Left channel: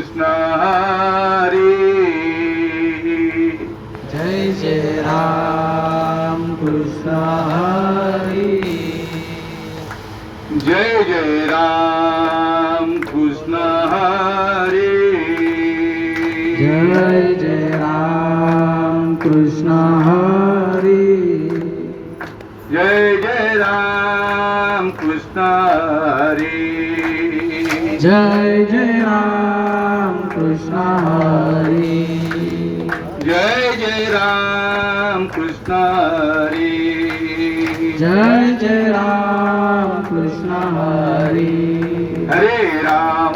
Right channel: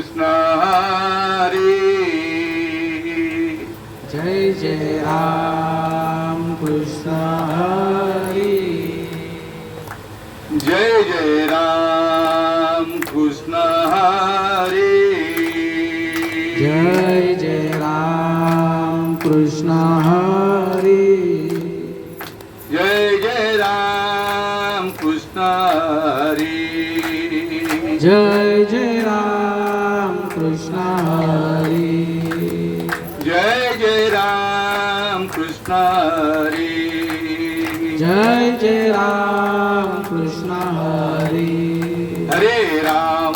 कृष्ण हरी. जय जय राम कृष्ण हरी. जय जय राम कृष्ण हरी. जय जय राम कृष्ण हरी. जय जय राम कृष्ण हरी. जय जय राम कृष्ण हरी. जय जय राम कृष्ण हरी. जय जय राम कृष्ण हरी. हरे राम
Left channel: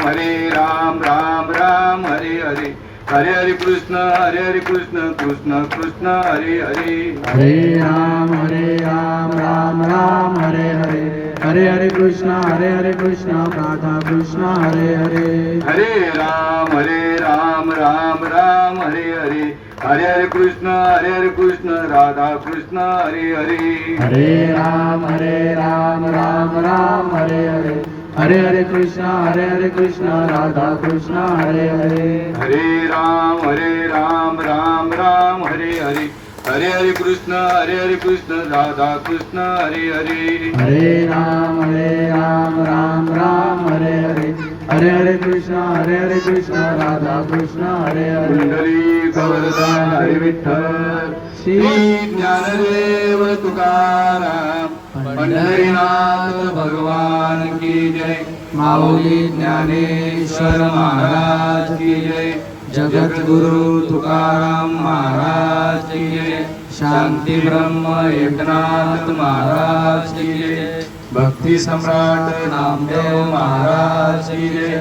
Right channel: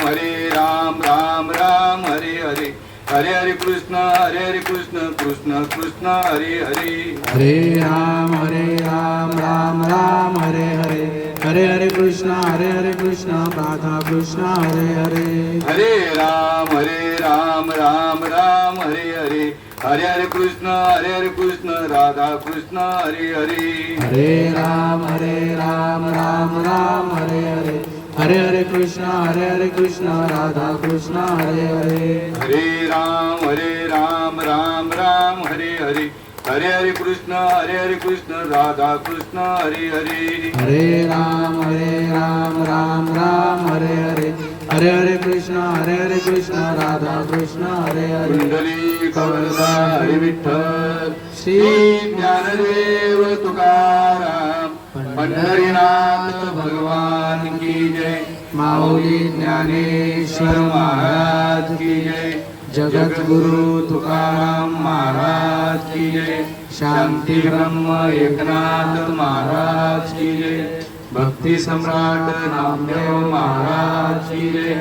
राम राम हरे हरे. हरे हरे कृष्ण कृष्ण कृष्ण हरे हरे. हरे राम राम राम हरे हरे. हरे हरे कृष्ण राधा कृष्ण हरे हरे. हरे राम राम राम हरे हरे. हरे हरे कृष्ण राधा कृष्ण हरे हरे. हरे राम राम राम हरे हरे. हरे हरे कृष्ण राधा कृष्ण हरे हरे. हरे राम राम राम हरे हरे. हरे हरे कृष्ण राधा कृष्ण हरे हरे. हरे राम राम राम हरे हरे. हरे हरे कृष्ण राधा कृष्ण हरे हरे. कुंडली कवरदा हरे विठ्ठल. श्री ज्ञानदेव तुकाराम पंढरीनाथ भगवान की जय. माऊली ज्ञानेश्वर महाराज की जय. जगद्गुरु तुकाराम महाराज की जय. शांती ब्रह्म एकनाथ महाराज की जय. भक्ती सम्राट नामदेव महाराज की जय.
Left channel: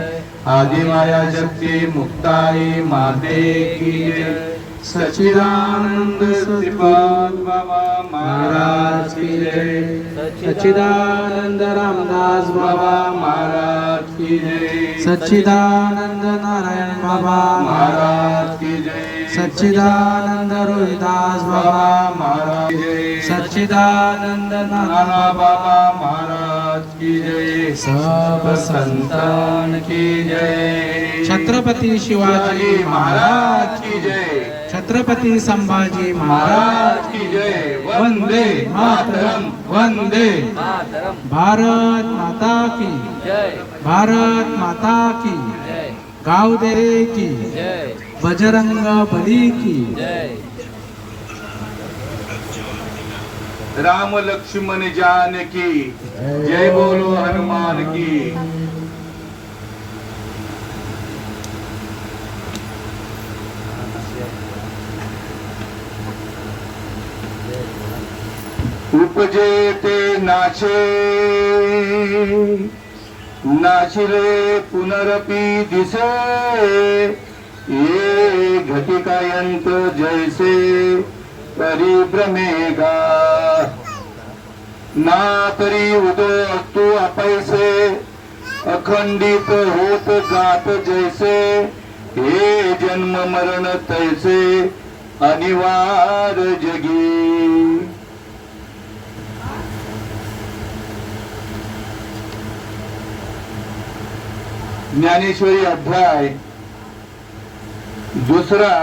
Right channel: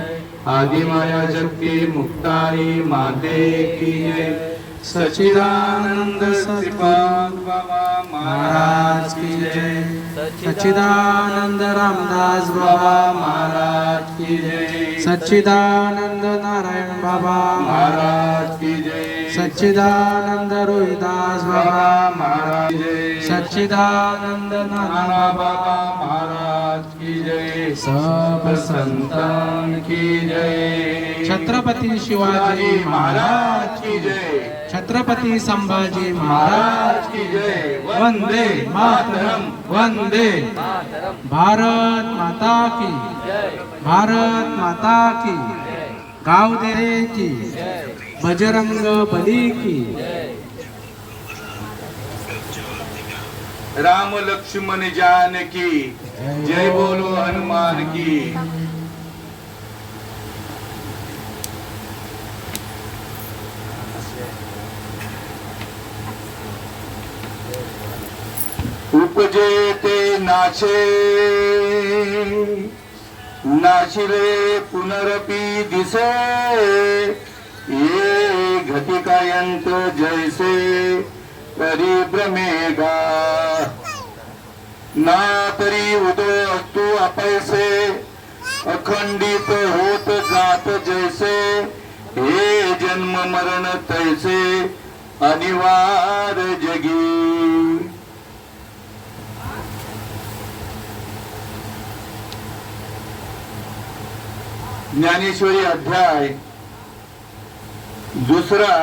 आदिमाया शक्ती मुक्ताई माते की जय. सच्चिदानंद श्रीपाद बाबा महाराज की जय. सच्चिदानंद रामदास बाबा महाराज की जय. सच्चिदानंद नारायण बाबा महाराज की जय. सच्चिदानंद रोहिदास बाबा महाराज की जय. सच्चिदानंद नाना नाना बाबा महाराज की जय. सब संतान की जय. छत्रपती शिवाजी महाराज की जय. छत्रपती संभाजी महाराज महाराज की जय. वंदे मातरम. वंदे भारत माता की. भारत माता की. गावदेरे की. बजरंग बली की. राम लक्ष्मण जानकी जय बोलो हनुमान की. उपजे ते नाशे नाशिले पुनरपि दिसे. ये घटिकायंत जैसे परिभ्रमेगा. ना तरी उदो असतो अपैसे अखंडित होत जात जैसे. हे जन्म मरण तैसे अनिवार्य जगी. ज्ञानेश्वरी अध्याय दुसरा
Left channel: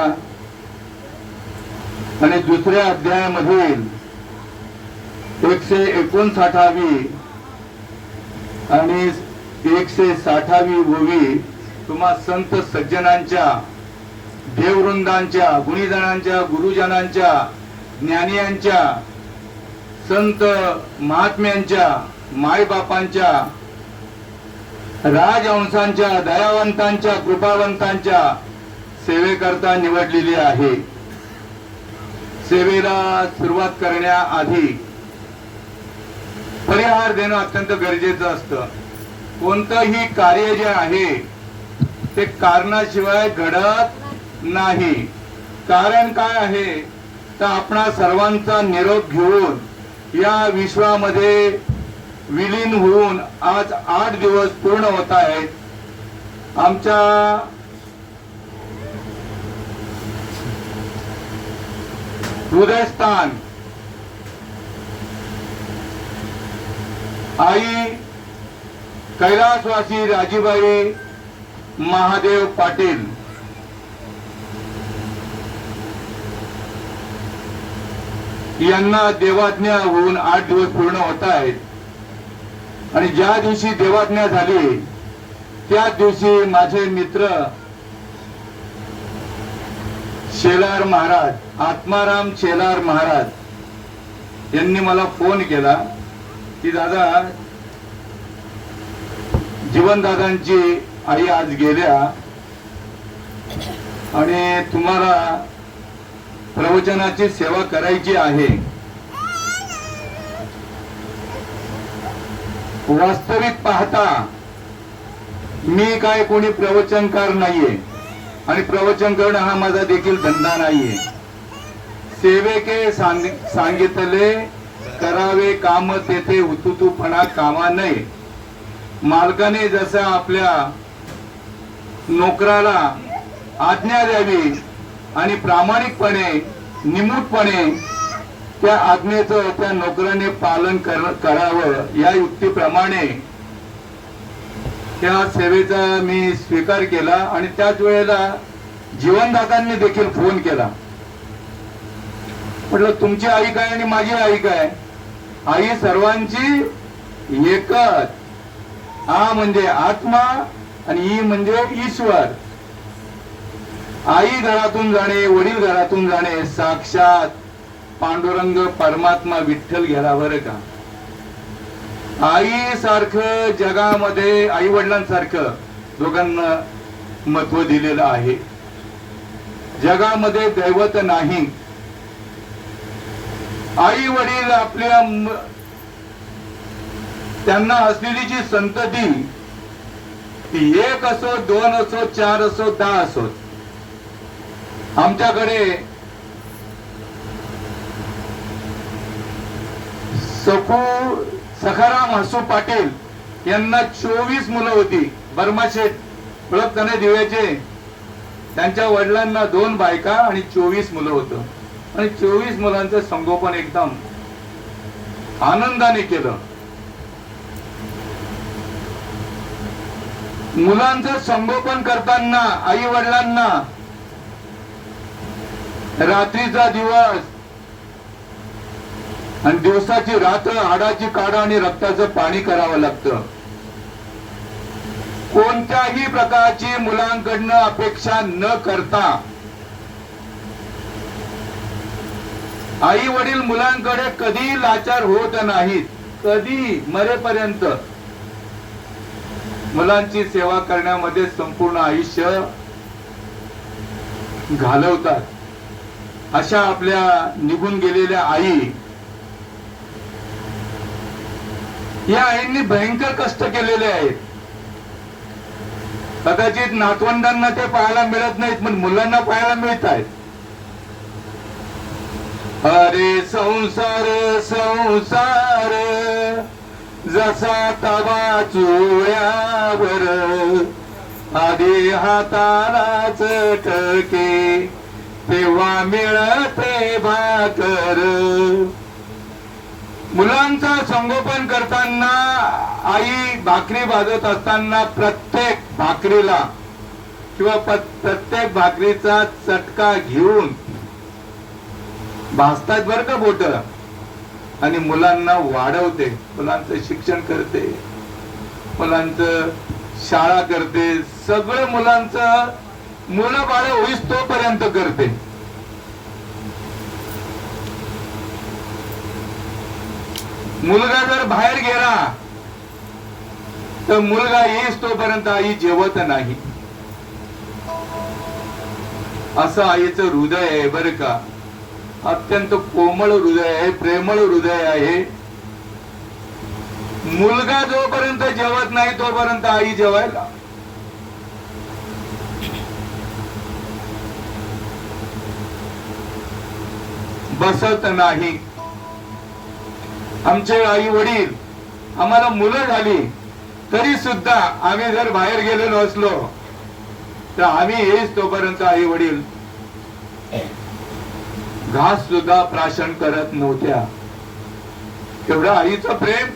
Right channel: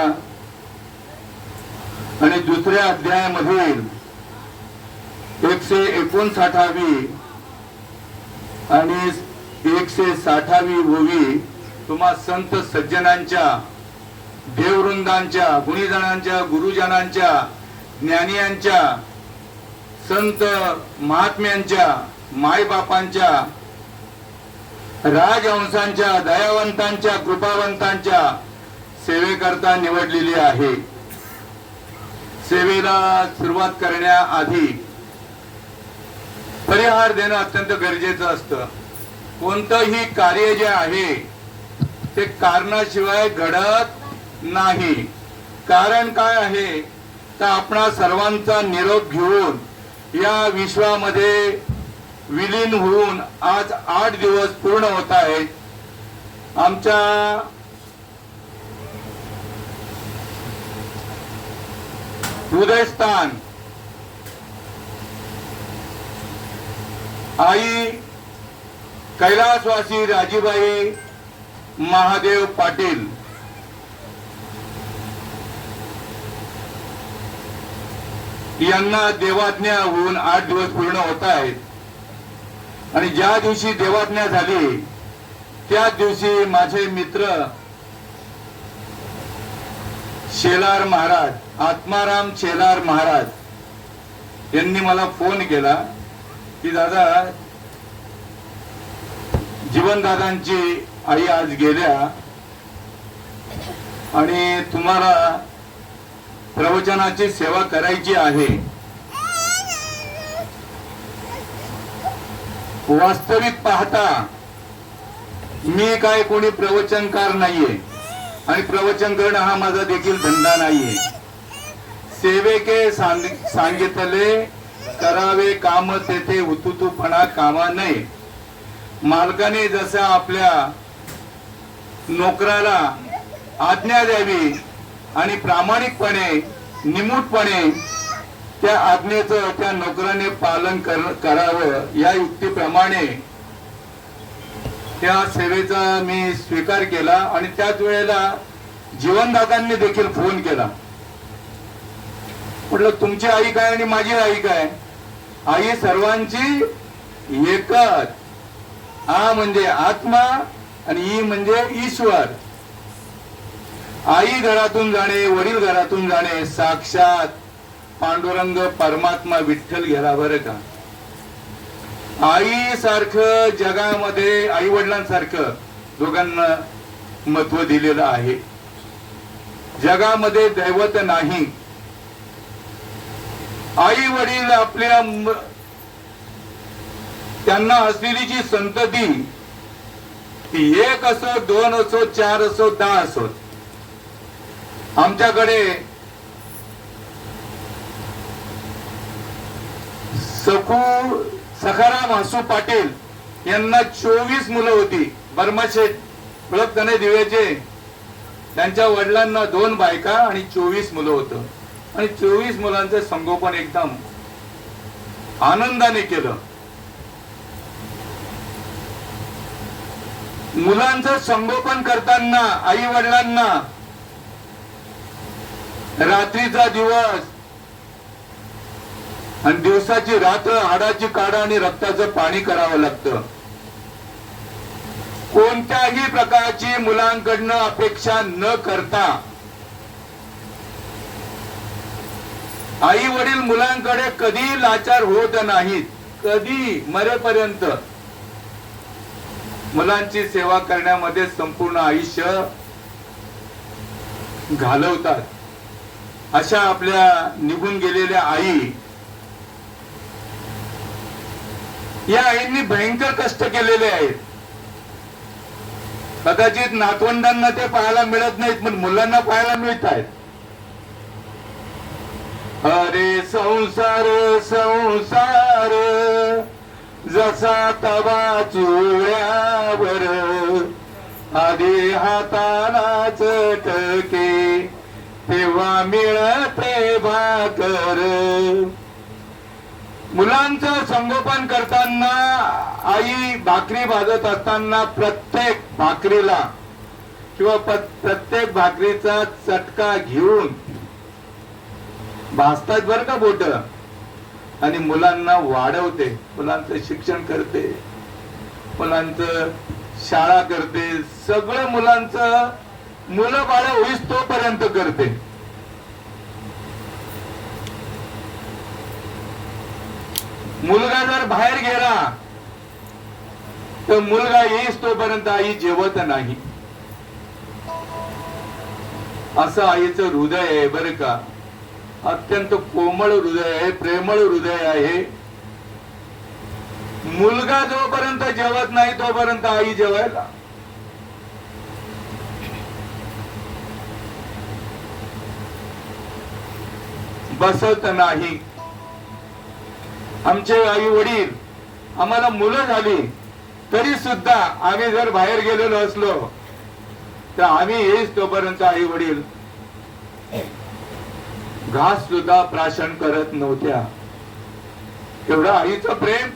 आणि दुसऱ्या अध्यायामधील 159वी आणि 160वी ओवी तुम्हा संत सज्जनांच्या, देववृंदांच्या, गुणीजनांच्या, गुरुजनांच्या, ज्ञानियांच्या, संत महात्म्यांच्या, मायबापांच्या, राजहंसांच्या, दयावंतांच्या, कृपावंतांच्या सेवेकरता निवडलेली आहे. सेवेला सुरुवात करण्याआधी परिहार देणं अत्यंत गरजेचं असतं. कोणतंही कार्य जे आहे ते कारणाशिवाय घडत नाही. कारण काय आहे तर आपणा सर्वांचा निरोप घेऊन या विश्वामध्ये विलीन होऊन आज 8 दिवस पूर्ण होत आहेत. आमच्या हृदयस्थान आई कैलासवासी राजीबाई महादेव पाटील यांना देवाज्ञा होऊन 8 दिवस पूर्ण होत आहेत आणि ज्या दिवशी देवाज्ञा झाली त्या दिवशी माझे मित्र शेलार महाराज, आत्माराम शेलार महाराज यांनी मला फोन केला की दादा, जीवनदादांची आई आज गेल्या आणि तुम्हाला प्रवचनाची सेवा करायची आहे. वास्तविक पाहता मी काय कोणी प्रवचनकार नाहीये आणि प्रवचन करणं हा माझा देखील धंदा नाहीये. सेवेके सांगितले करावे काम, तेथे हुतुतूपणा कामा नये. मालकाने जसं आपल्या नोकराला आज्ञा द्यावी आणि प्रामाणिकपणे निमूटपणे त्या आज्ञेचं त्या नोकराने पालन करावं या युक्तीप्रमाणे त्या सेवेचा मी स्वीकार केला. आणि त्याच वेळेला जीवनदादांनी देखील फोन केला. म्हटलं तुमची आई काय आणि माझी आई काय? आई सर्वांची एकच. आ म्हणजे आत्मा आणि ई म्हणजे ईश्वर. आई घरातून जाणे, वडील घरातून जाणे, साक्षात पांडुरंग परमात्मा विठ्ठल गेला बरं का. आई सारखं जगामध्ये, आई वडिलांसारखं दोघांना महत्व दिलेलं आहे. जगामध्ये दैवत नाही. आई वडील आपल्या त्यांना असलेली जी संतती ती 1 असो, 2 असो, 4 असो, 10 असो. आमच्याकडे सखाराम हसू पाटील यांना 24 मुलं होती. बर्माशेठ ओळखताना दिव्याचे, त्यांच्या वडिलांना 2 बायका आणि 24 मुलं होतं. आणि 24 मुलांचं संगोपन एकदम आनंदाने केलं. मुलांचं संगोपन करताना आई वडिलांना रात्रीचा दिवस आणि दिवसाची रात्र, हाडाची काढा आणि रक्ताचं पाणी करावं लागतं. कोणत्याही प्रकारची मुलांकडनं अपेक्षा न करता आई वडील मुलांकडे कधी लाचार होत नाहीत. कधी मरेपर्यंत मुलांची सेवा करण्यामध्ये संपूर्ण आयुष्य घालवतात. अशा आपल्या निघून गेलेल्या आई, या आईंनी भयंकर कष्ट केलेले आहेत. कदाचित नातवंडांना ते पाहायला मिळत नाहीत, पण मुलांना पाहायला मिळत आहेत. अरे संसार संसार जसा तवा चुळ्यावर, आधी हाताला चटके तेव्हा मिळते भाकर. मुलांचं संगोपन करताना आई भाकरी भाजत असताना प्रत्येक भाकरीला किंवा प्रत्येक भाकरीचा चटका घेऊन भाजतात बरं का बोट, आणि मुलांना वाढवते, मुलांचं शिक्षण करते, मुलांचं शाळा करते, सगळं मुलांचं मुलं बाळ होईस तोपर्यंत करते. मुलगा जर बाहेर गेला तर मुलगा येईस तोपर्यंत आई जेवत नाही. असं आईचं हृदय आहे बरं का. अत्यंत कोमळ हृदय आहे, प्रेमळ हृदय आहे. मुलगा जोपर्यंत जेवत नाही तोपर्यंत आई जेवायला बसत नाही. आमचे आई वडील, आम्हाला मुलं झाली तरी सुद्धा आम्ही जर बाहेर गेलेलो असलो तर आम्ही येईस तोपर्यंत आई वडील घास सुद्धा प्राशन करत नव्हत्या. एवढं आईचं प्रेम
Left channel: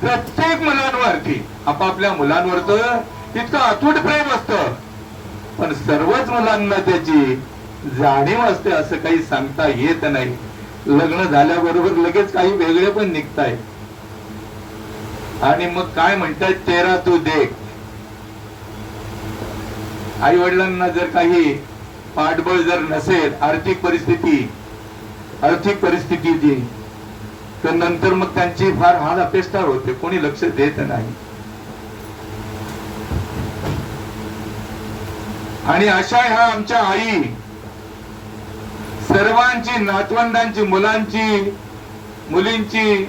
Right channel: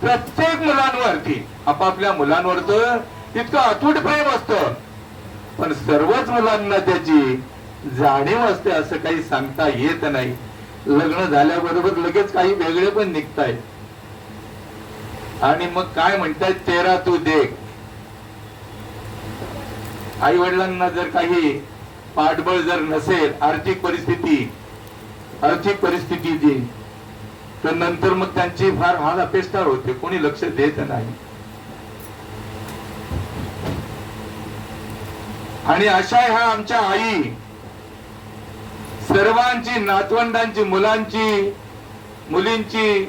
प्रत्येक मुलांवरती, आपापल्या मुलांवर तर तितकं अतूट प्रेम असतं, पण सर्वच मुलांना त्याची जाणीव असते असं काही सांगता येत नाही. लग्न झाल्याबरोबर लगेच काही वेगळे पण निघताय आणि मग काय म्हणतात, तेरा तू देख. आई वडिलांना जर काही पाठबळ जर नसेल, आर्थिक परिस्थितीची, तर नंतर मग त्यांची फार हाल अपेष्टा होते, कोणी लक्ष देत नाही. आणि अशा ह्या आमच्या आई सर्वांची, नातवंडांची, मुलींची,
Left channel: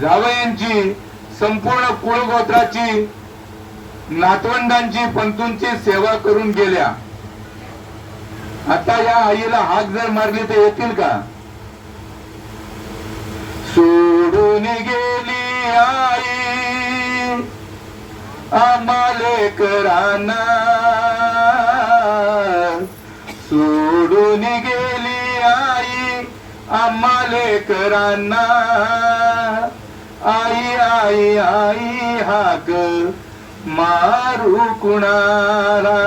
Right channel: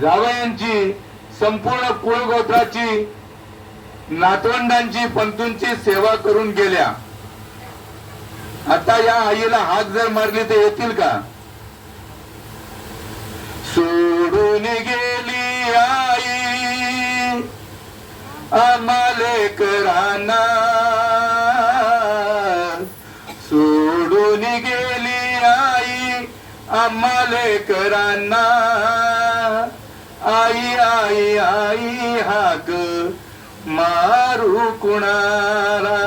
जावयांची, संपूर्ण कुळगोत्राची, नातवंडांची, पंतूंची सेवा करून गेल्या. आता या आईला हाक जर मारली तर येतील का? सोडून गेली आई आम्हाले कराना, सोडून गेली आई आम्हाले कराना. आई आई आई हाक मारू कुणाला,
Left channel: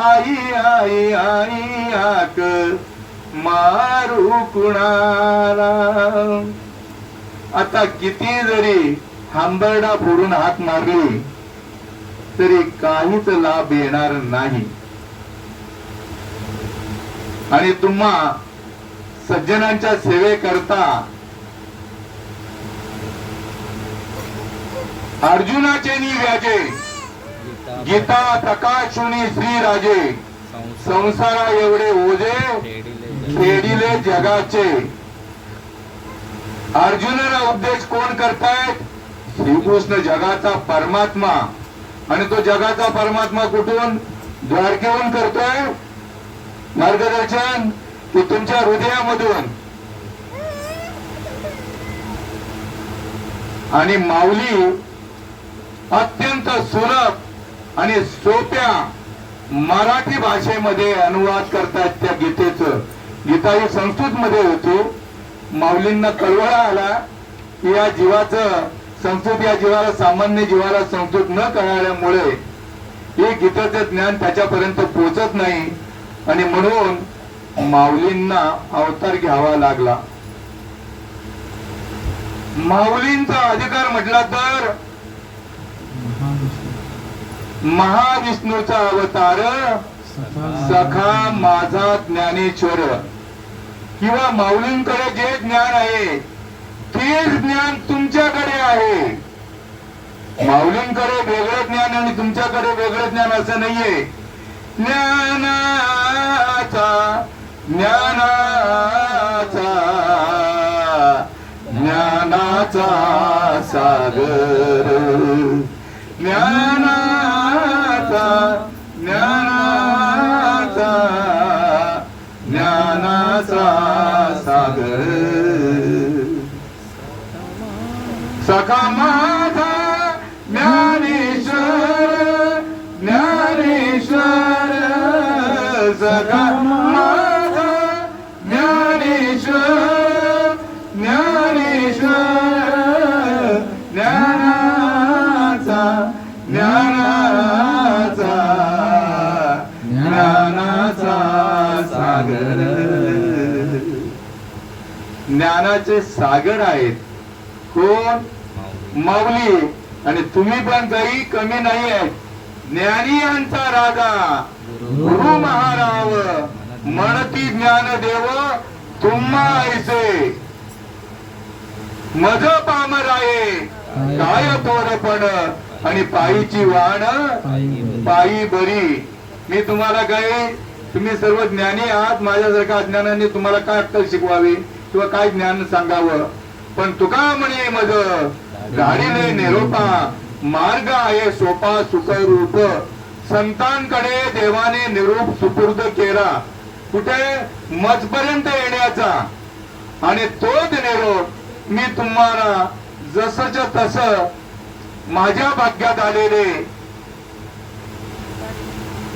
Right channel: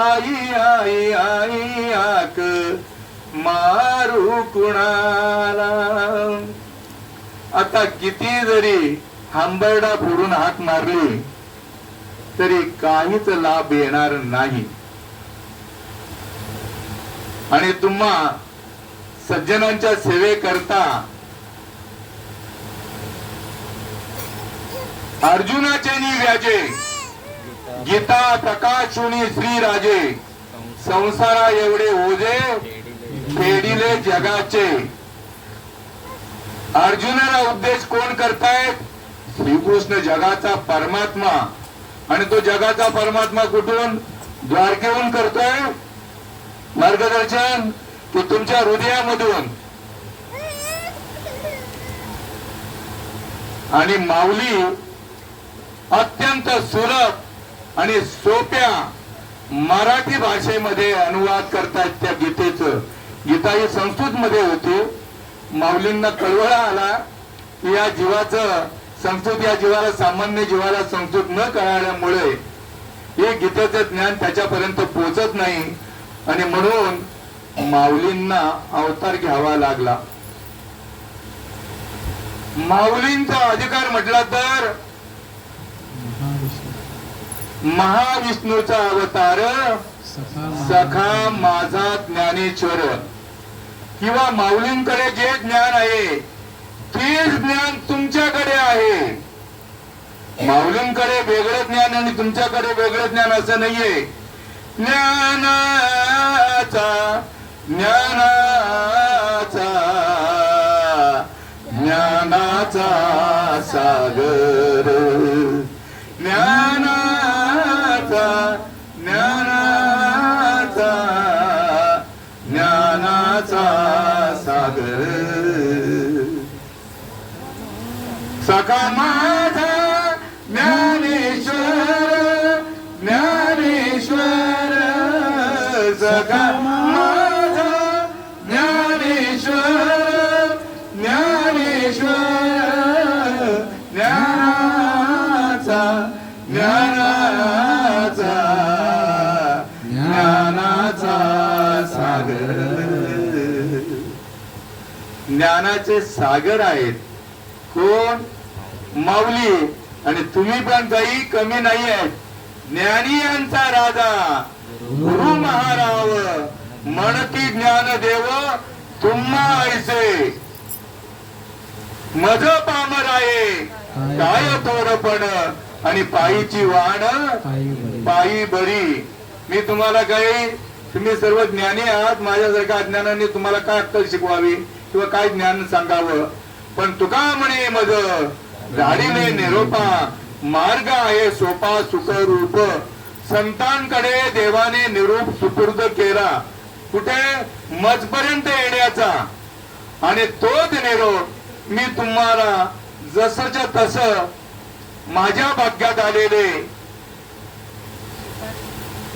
आई आई आई हाक मारू कुणाला. आता किती जरी हंबरडा फोडून हाक मारली तरी काहीच लाभ येणार नाही. आणि तुम्हा सज्जनांच्या सेवेकरता अर्जुनाचे व्याजे, गीता प्रकाशुनी श्री राजे, संसारा एवढे ओझे फेडिले जगाचे. अर्जुनाला उद्देश कोण करतायत? श्रीकृष्ण जगाचा परमात्मा. आणि तो जगाचा परमात्मा कुठून? द्वारकेहून करतोय मार्गदर्शन, की तुमच्या हृदयामधून. आणि माऊली अत्यंत सुलभ आणि सोप्या मराठी भाषेमध्ये अनुवाद करतायत त्या गीतेचं. गीता ही संस्कृत मध्ये होती. माऊलींना कळवळा आला की या जीवाचं संस्कृत, या जीवाला, सामान्य जीवाला संस्कृत न कळाल्यामुळे हे गीतेचं ज्ञान त्याच्यापर्यंत पोहोचत नाही. आणि म्हणून माऊलींना अवतार घ्यावा लागला. माऊलींचा अधिकार म्हटला तर महाविष्णूचा अवतार सखा माझा ज्ञानेश्वर, किंवा माऊलींकडे जे ज्ञान आहे तेच ज्ञान तुमच्याकडे आहे. माऊलींकडे वेगळं ज्ञान आणि तुमच्याकडे वेगळं ज्ञान असं नाहीये. ज्ञानाचा सागर, ज्ञानाचा सागर. सखा माझा ज्ञानेश्वर, ज्ञानेश्वर, सखा माझा ज्ञानेश्वर, ज्ञानेश्वर, ज्ञानाचा सागर. ज्ञानाचे सागर आहेत कोण? माऊली. आणि तुम्ही पण काही कमी नाही आहेत. ज्ञानी यांचा राजा गुरु महाराव, म्हणती ज्ञानदेव तुम्हा ऐसे. मज पामराये काय थोरपण, आणि पायीची वाण पायी बरी. मी तुम्हाला काही, तुम्ही सर्व ज्ञानी आहात, माझ्यासारख्या अज्ञानाने तुम्हाला काय अक्कल शिकवावी किंवा काय ज्ञान सांगावं. पण तुका म्हणे मज गाडीले निरोपा, मार्ग आहे सोपा सुखरूप. संतांकडे देवाने निरूप सुपूर्द केला, कुठे? मजपर्यंत येण्याचा. आणि तोच निरोप मी तुम्हाला जसंच्या तसं माझ्या भाग्यात आलेले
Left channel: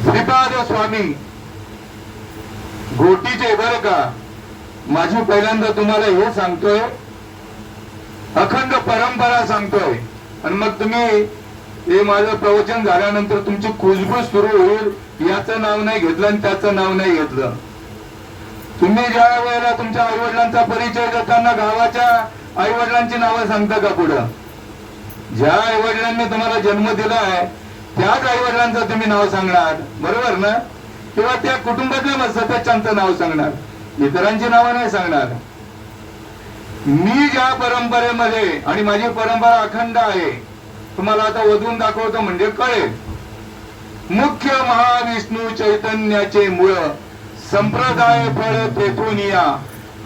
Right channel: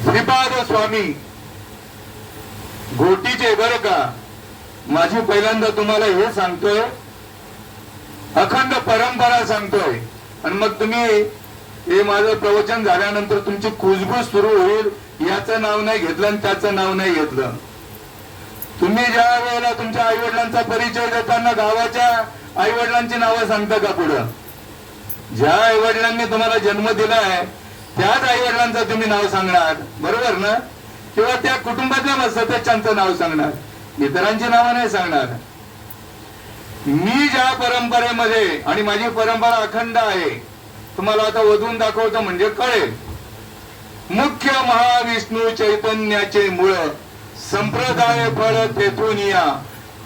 श्रीपाद स्वामी घोटीचे, बर का. माझी पहिल्यांदा तुम्हाला हे सांगतोय, अखंड परंपरा सांगतोय. आणि मग तुम्ही हे माझं प्रवचन झाल्यानंतर तुमची कुजबूज सुरू होईल, याचं नाव नाही घेतलं आणि त्याचं नाव नाही घेतलं. तुम्ही ज्या वेळेला तुमच्या आई वडिलांचा परिचय देताना गावाच्या आई वडिलांची नावं सांगता का पुढं? ज्या आई वडिलांनी तुम्हाला जन्म दिलाय त्याच आई वडिलांचं तुम्ही नाव सांगणार, बरोबर ना? किंवा त्या कुटुंबातल्या सदस्यांचं नाव सांगणार, इतरांची नावं नाही सांगणार. मी ज्या परंपरेमध्ये, आणि माझी परंपरा अखंड आहे, तुम्हाला आता वधून दाखवतो म्हणजे कळेल. मुख्य महाविष्णू चैतन्याचे मूळ, संप्रदाय फळ तेथून या,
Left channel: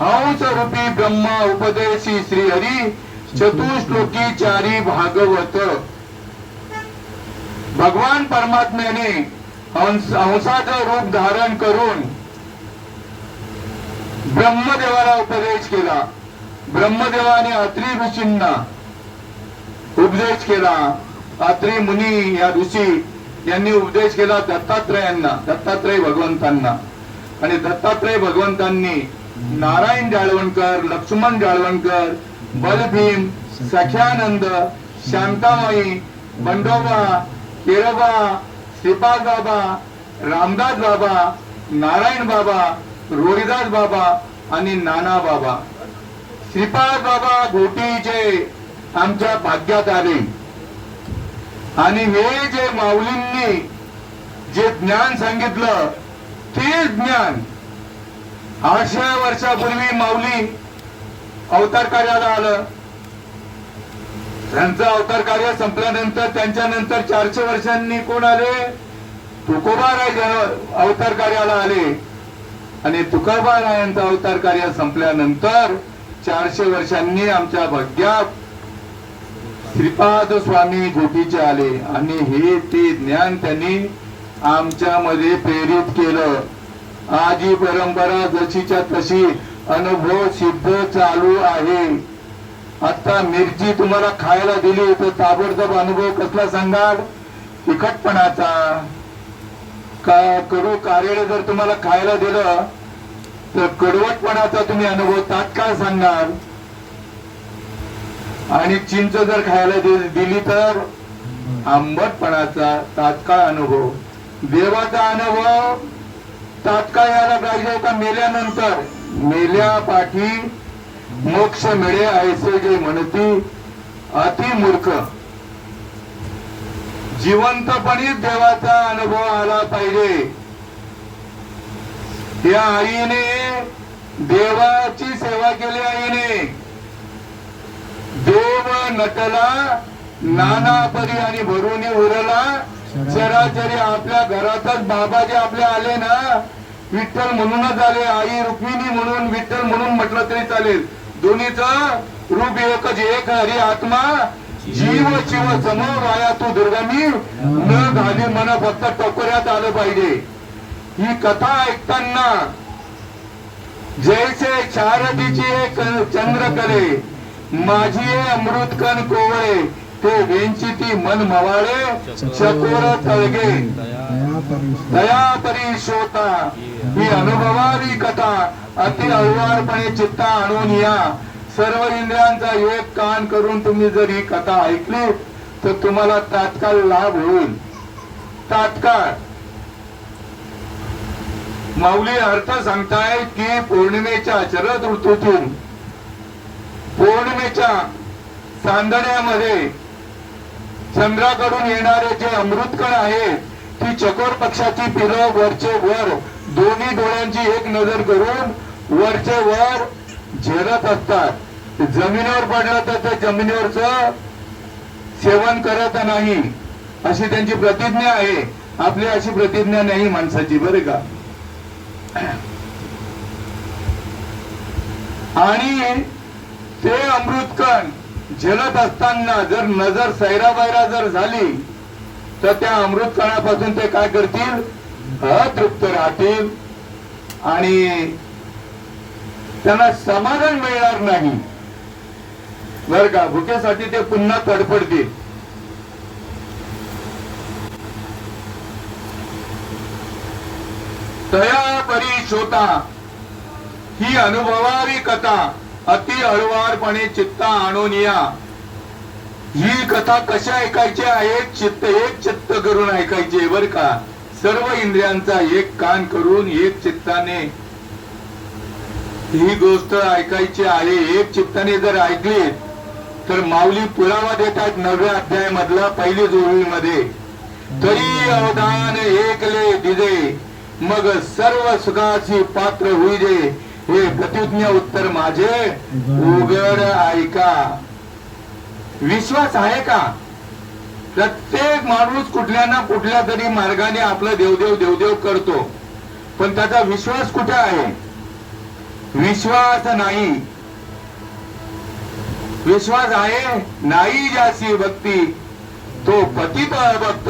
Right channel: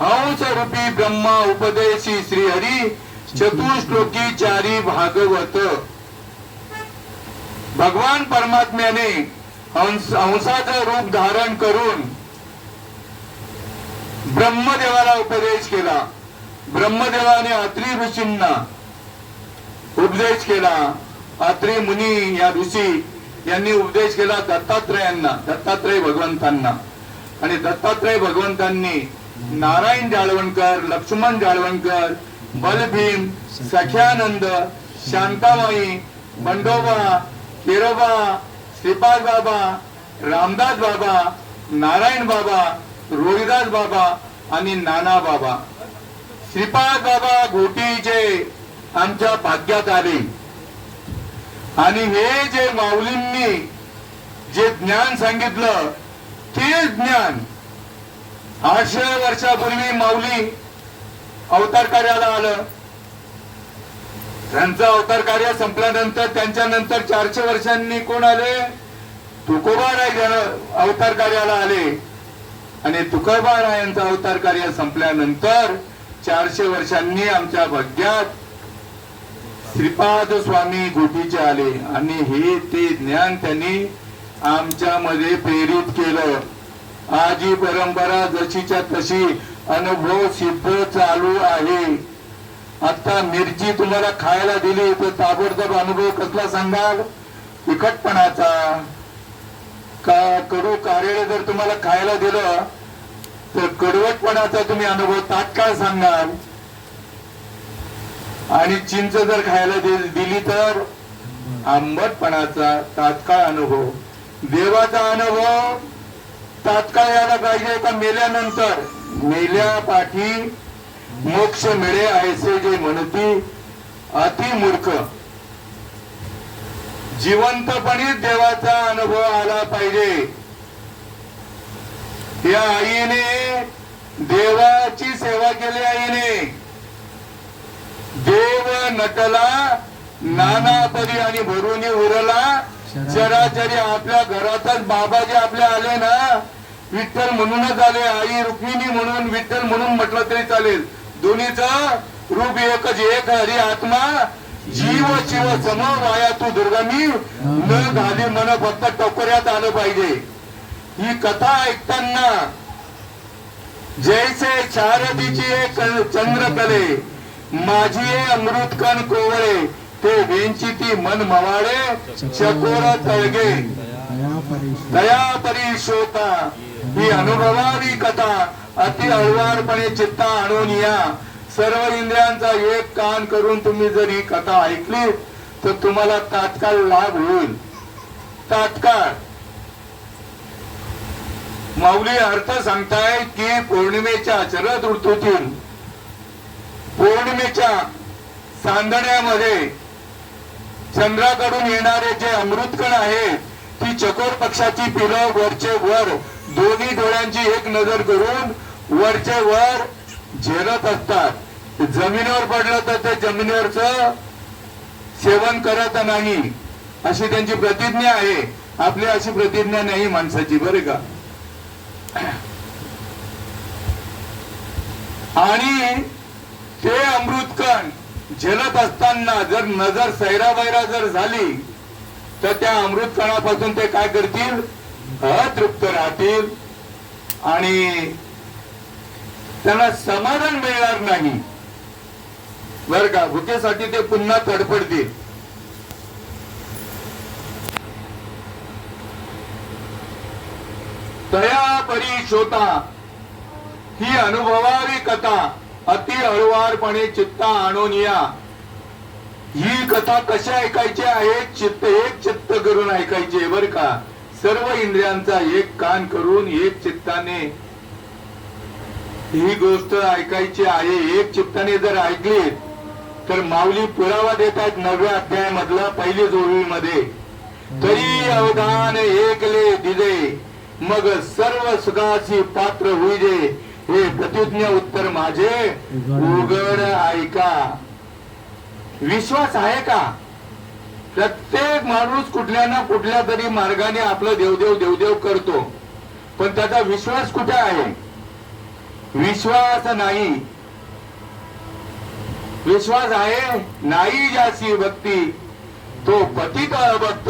हंस रूपी ब्रह्मा उपदेशी श्रीहरी, चतुश्लोकी चारी भागवत. भगवान परमात्म्याने हंसाचं रूप धारण करून ब्रह्मदेवाला उपदेश केला. ब्रह्मदेवाने अत्री ऋषींना उपदेश केला. अत्री मुनी या ऋषी यांनी उपदेश केला दत्तात्रयांना, दत्तात्रय भगवंतांना. आणि दत्तात्रय भगवंतांनी नारायण जाळवणकर, लक्ष्मण जाळवणकर, बलभीम, सख्यानंद, शांतामाई, बंडोबा, केरोबा, श्रीपाद बाबा, रामदास बाबा, नारायण बाबा, रोहिदास बाबा आणि नाना बाबा. श्रीपाद बाबा घोटीचे आमच्या भाग्यात आले. आणि हे जे माऊलींनी जे ज्ञान सांगितलं ते ज्ञान 800 वर्षापूर्वी माऊली अवतार कार्याला आलं. त्यांचं अवतार कार्य संपल्यानंतर त्यांच्या नंतर 400 वर्षांनी कोण आले? तुकोबाराय अवतार कार्याला आले. आणि तुकोबारायांचं अवतार कार्य संपल्यानंतर 400 वर्षांनी आमच्या भाग्यात श्रीपाद स्वामी घोटीचे आले. आणि हे ते ज्ञान त्यांनी आमच्यामध्ये प्रेरित केलं. आजी परंपरा जशीच्या तशी अनुभव सिद्ध चालू आहे. आता मिरची तुम्हाला खायला दिली तर ताबडतोब अनुभव कसला सांगाल? तिखटपणाचा. का कडू कार्यालय जर तुम्हाला खायला दिलं तर कडवटपणाचा तुम्ही अनुभव तात्काळ सांगाल. आणि चिंच जर खायला दिली तर आंबटपणाचा तात्काळ अनुभव. देवाचा अनुभव तात्काळ यायला पाहिजे का मेल्यानंतर? मेल्या पाठी मोक्ष मिळे ऐसे जे म्हणती अति मूर्ख. जिवंतपणी देवाचा अनुभव आला पाहिजे. या आईने देवाची सेवा केली. आईने देव नटला नाना परी आणि भरुनी उरला चराचरी. आपल्या घरातच बाबा जे आपल्या आले ना, विठ्ठल म्हणूनच आले. आई रुक्मिणी म्हणून, विठ्ठल म्हणून म्हटलं तरी चालेल. दोन्हीचं रूप एकच, एक हरी आत्मा जीव शिव सम वाया तू दुर्गमी न घाली मन फक्त टोकऱ्यात आलं पाहिजे. ही कथा ऐकताना जैसे शारदीची एक चंद्रकले, माझी अमृतकण कोवळे, ते वेंचिती मन मवाळे चकोर तळगे दया परिशोता. ही अनुभवावी कथा अति हळुवारपणे चित्ता आणून या. सर्व इंद्रियांचा एक कान करून तुम्ही जर ही कथा ऐकली तर तुम्हाला तात्काळ लाभ होईल. तात्काळ. माऊली अर्थ सांगताय की पौर्णिमेच्या शरद ऋतूतून पौर्णिमेच्या चांदण्यामध्ये चंद्राकडून येणारे जे अमृतकण आहेत, ती चकोर पक्षाची पिलं वरचे वर दोन्ही डोळ्यांची एक नजर करून वरचे वर झेलत असतात. जमिनीवर पडलं तर ते जमिनीवरच सेवन करत नाही, अशी त्यांची प्रतिज्ञा आहे. आपली अशी प्रतिज्ञा नाही माणसाची, बरं का? आणि ते अमृतकण झेलत असताना जर नजर सैरावैरा जर झाली तर त्या अमृतकणापासून ते काय करतील? अतृप्त राहतील आणि त्यांना समाधान मिळणार नाही, बर का? भुकेसाठी ते पुन्हा तडफडतील. तया परी शोता. ही अनुभवावी कथा अति हळुवारपणे चित्ता आणून या. ही कथा कशी ऐकायची आहे? एक चित्त करून ऐकायची आहे, बर का. सर्व इंद्रियांचा एक कान करून एक चित्ताने ही गोष्ट ऐकायची आहे. एक चित्ताने जर ऐकली तर माऊली पुरावा देतात 9व्या अध्यायामधला पहिली जोडीमध्ये, तरी अवधान एकले दिजे मग सर्व सुखाची पात्र होईजे, हे प्रतिज्ञ उत्तर माझे उघड ऐका. विश्वास आहे का? प्रत्येक माणूस कुठल्या ना कुठल्या तरी मार्गाने आपलं देवदेव देवदेव करतो, पण त्याचा विश्वास कुठे आहे? विश्वास नाही. विश्वास आहे नाही ज्याची भक्ती तो पतित भक्त,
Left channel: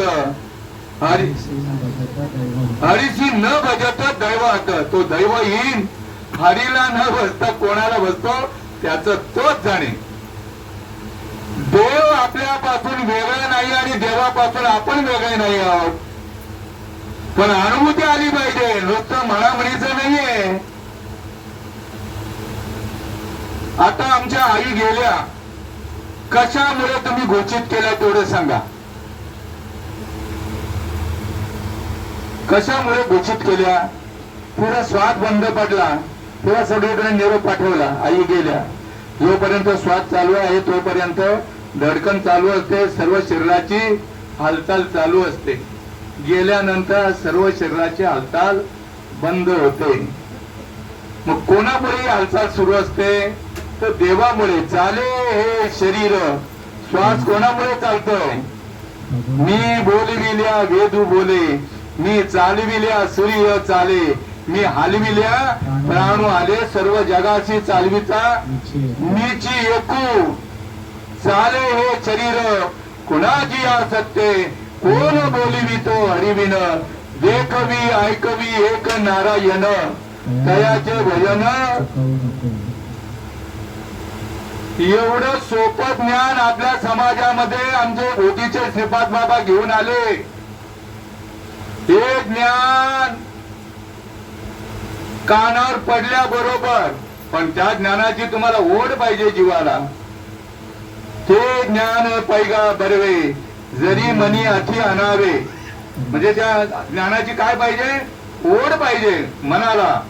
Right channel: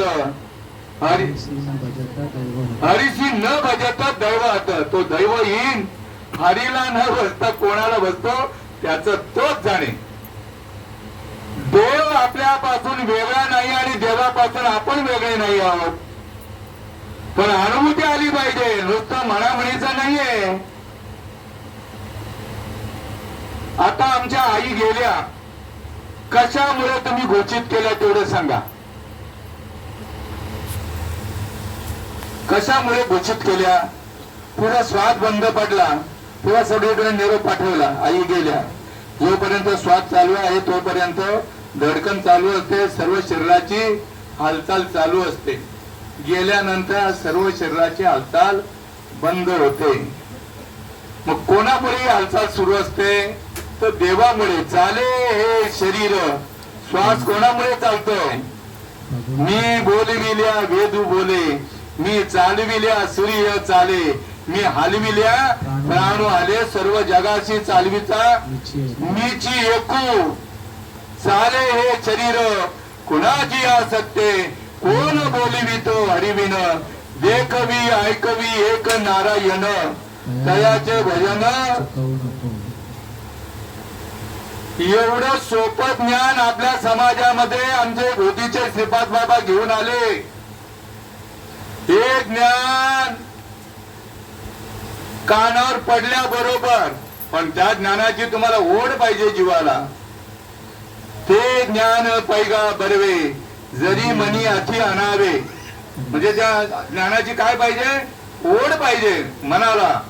हरीशी न भजत दैवत, तो दैवहीन हरीला न भजता कोणाला भजतो त्याच तोच जाणे. देव आपल्यापासून वेगळा नाही आणि देवापासून आपण वेगळे नाही आहोत, पण अनुभूती आली पाहिजे, नुसतं म्हणाम्हणीचं नाहीये. आता आमच्या आई गेल्या, कशामुळे तुम्ही घोषित केलं तेवढं सांगा. कशामुळे घोषित केल्या? पुरा श्वास बंद पडला, पुरा सगळीकडे निरोप पाठवला, आई गेल्या. जोपर्यंत श्वास चालू आहे तोपर्यंत धडकन चालू असते, सर्व शरीराची हालचाल चालू असते. गेल्यानंतर सर्व शरीराची हालचाल बंद होते. मग कोणामुळे हालचाल सुरू असते? तर देवामुळे. चाले हे शरीर, श्वास कोणामुळे चालतोय? मी बोलविल्या वेदू बोले, मी चालविल्या सूर्य चाले, मी हलविल्या प्राणू आले, सर्व जगाशी चालविता मीची एकू. चाले हे शरीर कुणाची आसक्ते, कोण बोलिवितो हरिविन, देखवी ऐकवी एक नारायण, तयाचे भजन. एवढं सोपं ज्ञान आपल्या समाजामध्ये आमचे गोदीचे श्रीपाद बाबा घेऊन आले. हे ज्ञान कानावर पडल्याबरोबर, पण त्या ज्ञानाची तुम्हाला ओढ पाहिजे जीवाला. ते ज्ञान पैगा बरवे, जरी मनी अति आणावे. म्हणजे त्या ज्ञानाची काय पाहिजे? ओढ पाहिजे मनाला.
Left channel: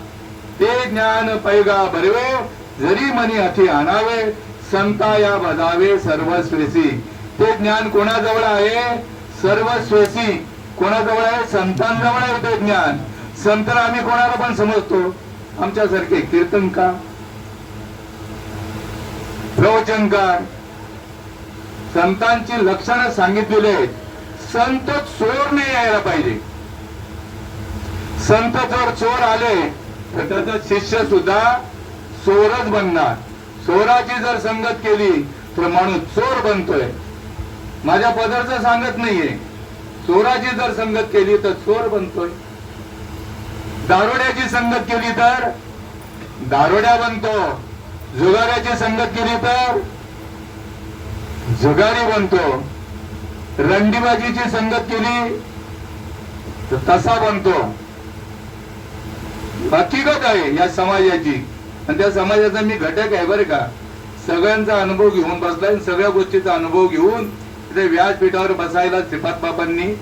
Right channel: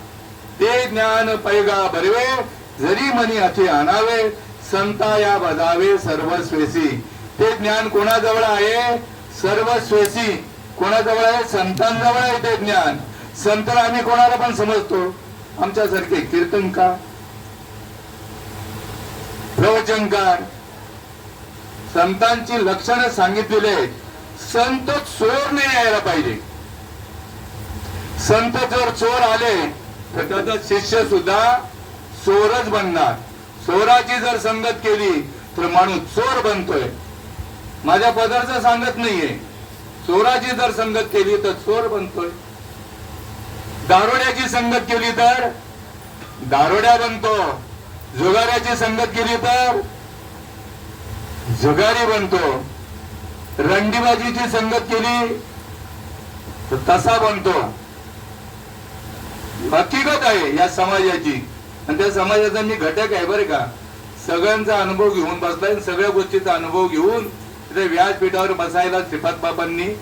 ते ज्ञान पैगा बरवे, जरी मनी अति आणावे, संता या बजावे सर्वस्वेसी. ते ज्ञान कोणाजवळ आहे? सर्वस्वेसी. कोणाजवळ आहे? संतांजवळ आहे ते ज्ञान. संत आम्ही कोणाला पण समजतो, आमच्यासारखे कीर्तनकार, प्रवचनकार. संतांची लक्षणं सांगितलेली आहेत. संत चोर नाही यायला पाहिजे. संत जर चोर आले तर त्याचा शिष्य सुद्धा चोरच बनणार. चोराची जर संगत केली तर माणूस चोर बनतोय. माझ्या पदरचं सांगत नाहीये. चोराची जर संगत केली तर चोर बनतोय. दारोड्याची संगत केली तर दारोड्या बनतो. जुगाऱ्याची संगत केली तर जुगारी बनतो. रंडीबाजीची संगत केली तर तसा बनतो. हकीकत आहे या समाजाची, आणि त्या समाजाचा मी घटक आहे बरं का. सगळ्यांचा अनुभव घेऊन बसलाय, सगळ्या गोष्टीचा अनुभव घेऊन ते व्यासपीठावर बसायला श्रीपाद बाबांनी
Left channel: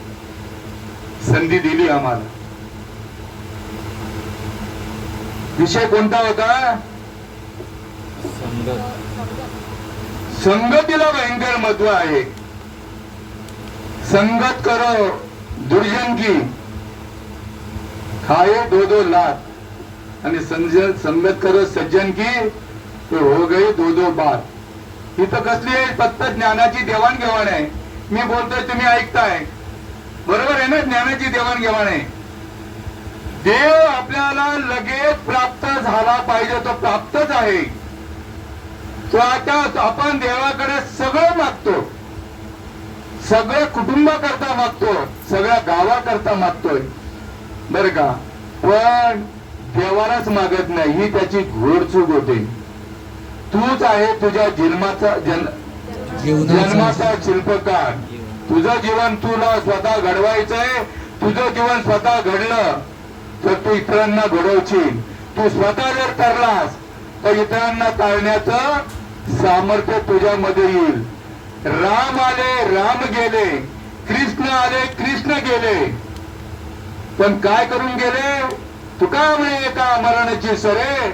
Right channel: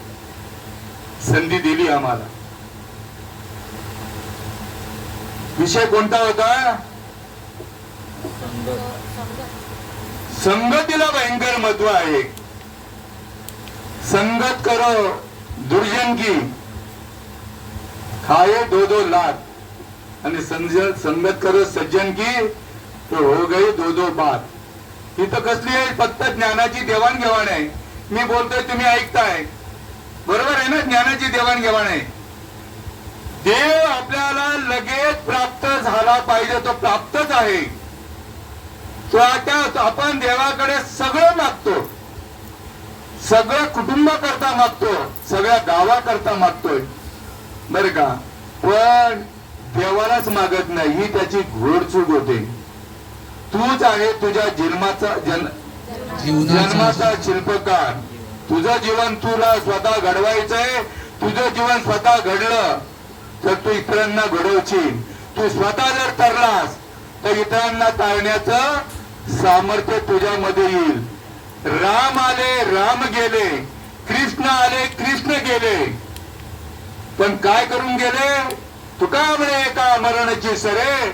संधी दिली आम्हाला. विषय कोणता होता? संगतीला भयंकर महत्व आहे. संगत करो दुर्जन की, खाए दो दो लात, आणि संगत करो सज्जन की तो हो गई दो दो बात. इथं कसली आहे? फक्त ज्ञानाची देवाणघेवाण आहे. मी बोलतोय, तुम्ही ऐकताय, बरोबर आहे ना? ज्ञानाची देवाणघेवाण आहे. देव आपल्याला लगेच प्राप्त झाला पाहिजे, तो प्राप्तच आहे. तो आता आपण देवाकडे सगळं मागतो, सगळ्या कुटुंबाकरता मागतो, सगळ्या गावाकरता मागतोय बर का. पण देवालाच मागत नाही, ही त्याची घोडचूक होते. तूच आहे तुझ्या जन्माचा शिल्पकार. तुझं जीवन तुला स्वतः घडवायचंय. तुझं जीवन स्वतः घडलं तर तू इतरांना घडवशील. तू स्वतः जर तरलास तर इतरांना तारण्याचं सामर्थ्य तुझ्यामध्ये येईल. राम आले राम गेले, कृष्ण आले कृष्ण गेले, पण काय करून गेले? तुका म्हणे एका मरणाची सरे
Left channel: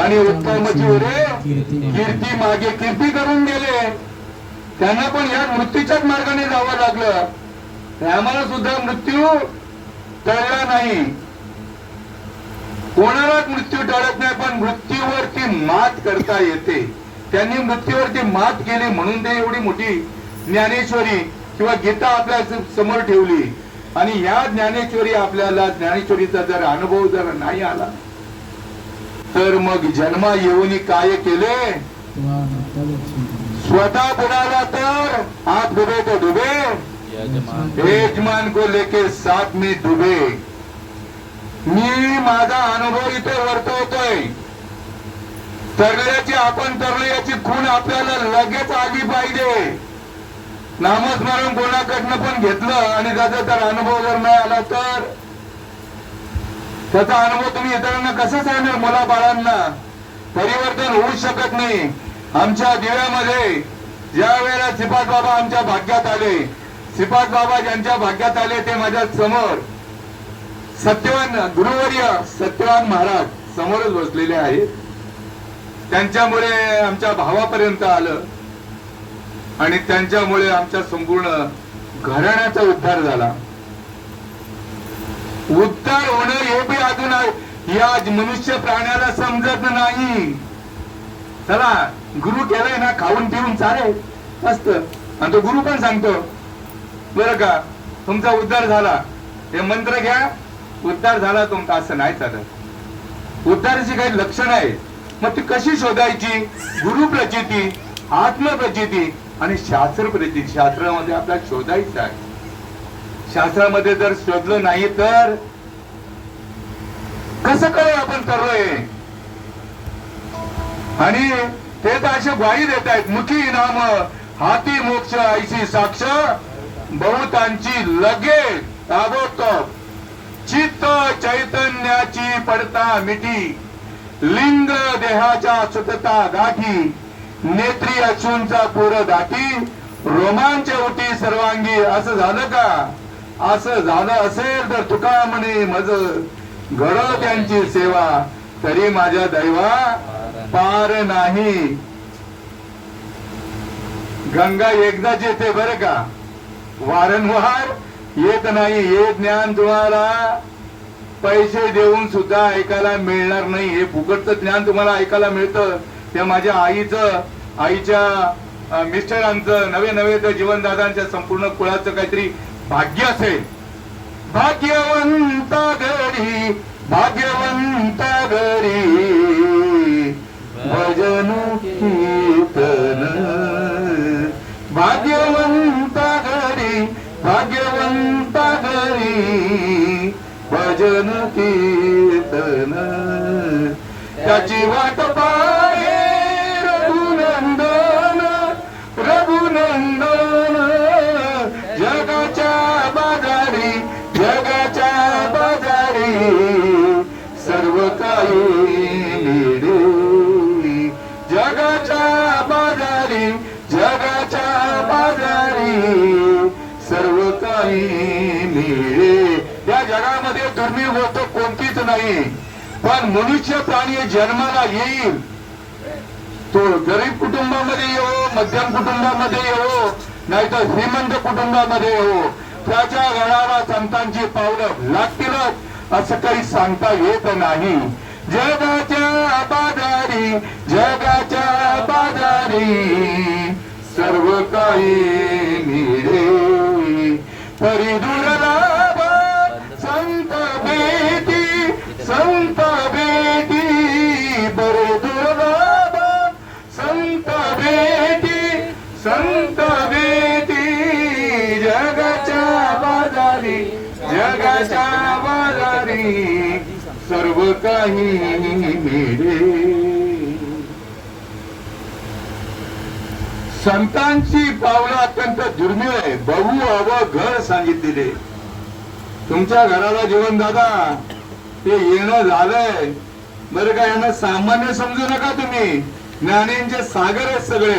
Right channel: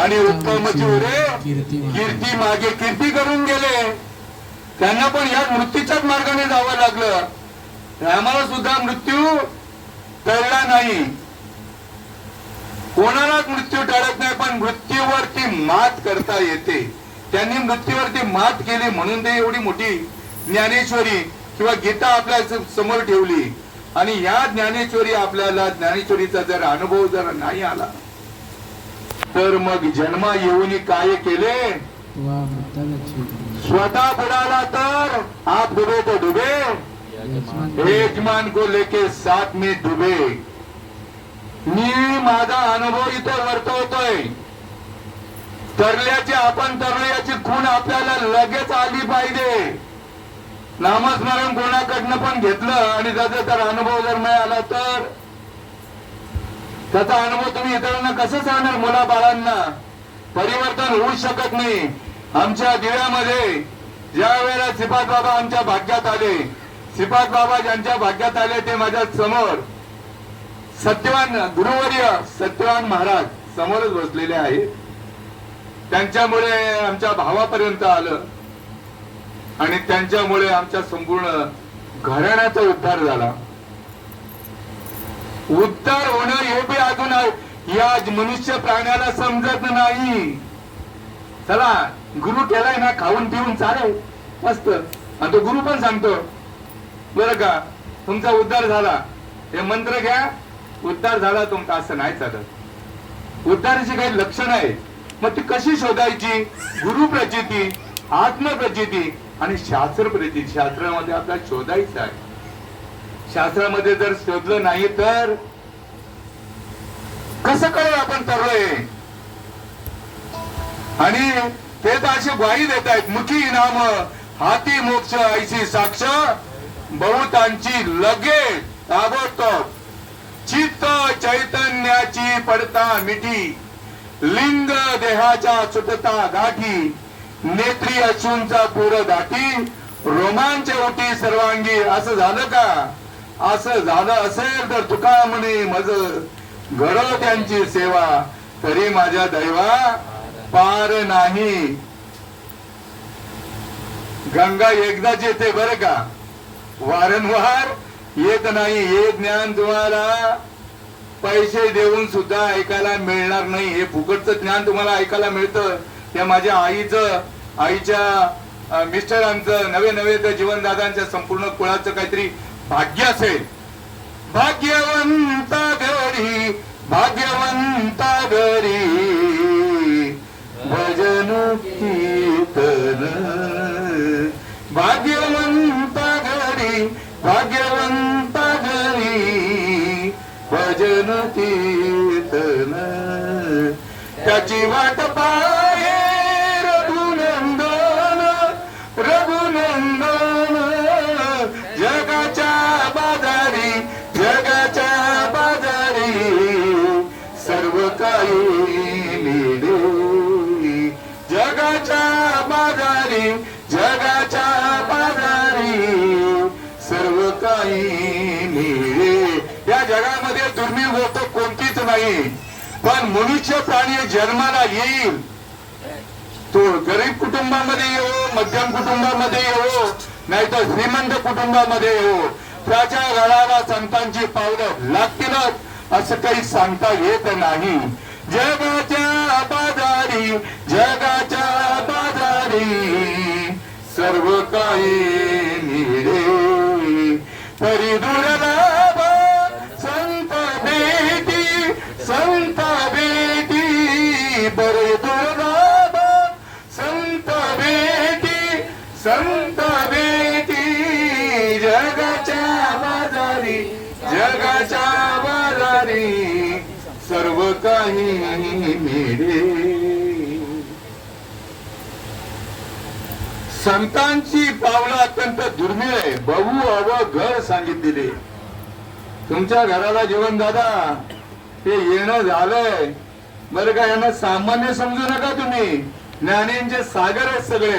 आणि उत्तमची उरे कीर्ती मागे कीर्ती करून गेले. त्यांना पण या मृत्यूच्याच मार्गाने जावं लागलं. आम्हाला सुद्धा मृत्यू टळला नाही. कोणालाच मृत्यू टळत नाही, पण मृत्यूवरती मात करता येते. त्यांनी मृत्यूवरती मात केली म्हणून ते एवढी मोठी ज्ञानेश्वरी किंवा गीता आपल्या समोर ठेवली. आणि या ज्ञानेश्वरी आपल्याला ज्ञानेश्वरीचा जर अनुभव जर नाही आला तर मग जन्म येऊन काय केले? स्वतः बुडाला तर आप डुबे तो डुबे, यजमान को लेके साथ में डुबे. मी माझा अनुभव इथे वर्तवतोय. तरल्याची आपण तरलो याची खूण आपल्याला लगेच आली पाहिजे. नामस्मरण कोणाकडनं पण घेतलं आणि त्याचा जर अनुभव जर नाही आला तर त्याचा अनुभव तुम्ही इतरांना कसं सांगणार? मुला बाळांना परिवर्तन होऊ शकत नाही. आमच्या दिव्यामध्ये ज्या वेळेला श्रीपाद बाबा आमच्या भाग्यात आले, श्रीपाद बाबा ज्यांच्या भाग्यात आले ते माझ्या समोर सत्यवान गुरुवर्य सत्यवान महाराज समोरच बसलेले आहेत. त्यांच्यामुळे आमच्या भावापर्यंत आलं आणि त्यांच्यामुळे आमच्या संपूर्ण घराण्याचा उद्धार झाला. उद्धार होणं हे बी अजून या मनुष्य प्राण्याला समजत नाही. चला गुरु केलाय ना, खाऊन पिऊन चालेल मस्त, आणि तो गुरु पण सांगतो बरं का तुमचा उद्धार झाला, हे मंत्र घ्या उद्धार झाला तुमचा. असं नाही चालत. उद्धाराची काही लक्षणं आहेत. मग ती कशी शोधायची? गुरु प्रचिती, आत्मप्रचिती आणि शास्त्र प्रचिती. शास्त्रामध्ये आपल्याला शोधायचं आहे. शास्त्रामध्ये जर शोधलं नाही तर कसं कळेल आपण करलोय? आणि ते तर अशी ग्वाही देत आहेत, मुखी नाम हाती मोक्ष ऐसी साक्ष बहुतांची लगेच ताबडतोब. चित्त चैतन्याची पडता मिठी, लिंग देहाच्या सुटता गाठी, नेत्री अश्रूंचा पूर दाटी, रोमांच उठी सर्वांगी. असं झालं का? असं झालं असेल तर तुका म्हणे मज घडो त्यांची सेवा, तरी माझ्या दैवा पार नाही. गंगा एकदाच येते बरं का, वारंवार येत नाही. हे ज्ञान तुम्हाला पैसे देऊन सुद्धा ऐकायला मिळणार नाही. हे फुकटचं ज्ञान तुम्हाला ऐकायला मिळतं. त्या माझ्या आईच्या मिस्टरांचं नवे जीवनदादांच्या संपूर्ण कुळाचं काहीतरी भाग्य असेल. भाग्यवंता घरी भाग्यवंता घरी भजन कीर्तन, भाग्यवंता घरी भाग्यवंता घरी भजन कीर्तन. त्याची वाट पाहे रघुनंदन रघुनंदन, जगाच्या बाजारी जगाच्या बाजारी सर्व काही मिळे. जगाच्या बाजारी जगाच्या बाजारी सर्व काही मिळे. या जगामध्ये दुर्मिळ गोष्ट कोणतीच नाही. पण मनुष्य प्राणी जन्माला येईल तो गरीब कुटुंबामध्ये येवो, मध्यम कुटुंबामध्ये येवो, नाहीतर श्रीमंत कुटुंबामध्ये येवो, त्याच्या घराला संतांची पावलं लागतीलच असं काही सांगता येत नाही. जगाच्या बाजारी जगाच्या बाजारी सर्व काही मिळे. परी दुर्लभ संत भेटी संत भेटी, बरे दुर्लभ संत भेटी संत भेटी. जगाच्या बाजारी जगाच्या बाजारी सर्व काही मिळे. संतांची पावलं अत्यंत दुर्मिळ आहे. बहु अव घर सांगितलेले. तुमच्या घराला जीवनदादा हे येणं झालंय बरं का, यांना सामान्य समजू नका तुम्ही. ज्ञानींचे सागर आहेत सगळे.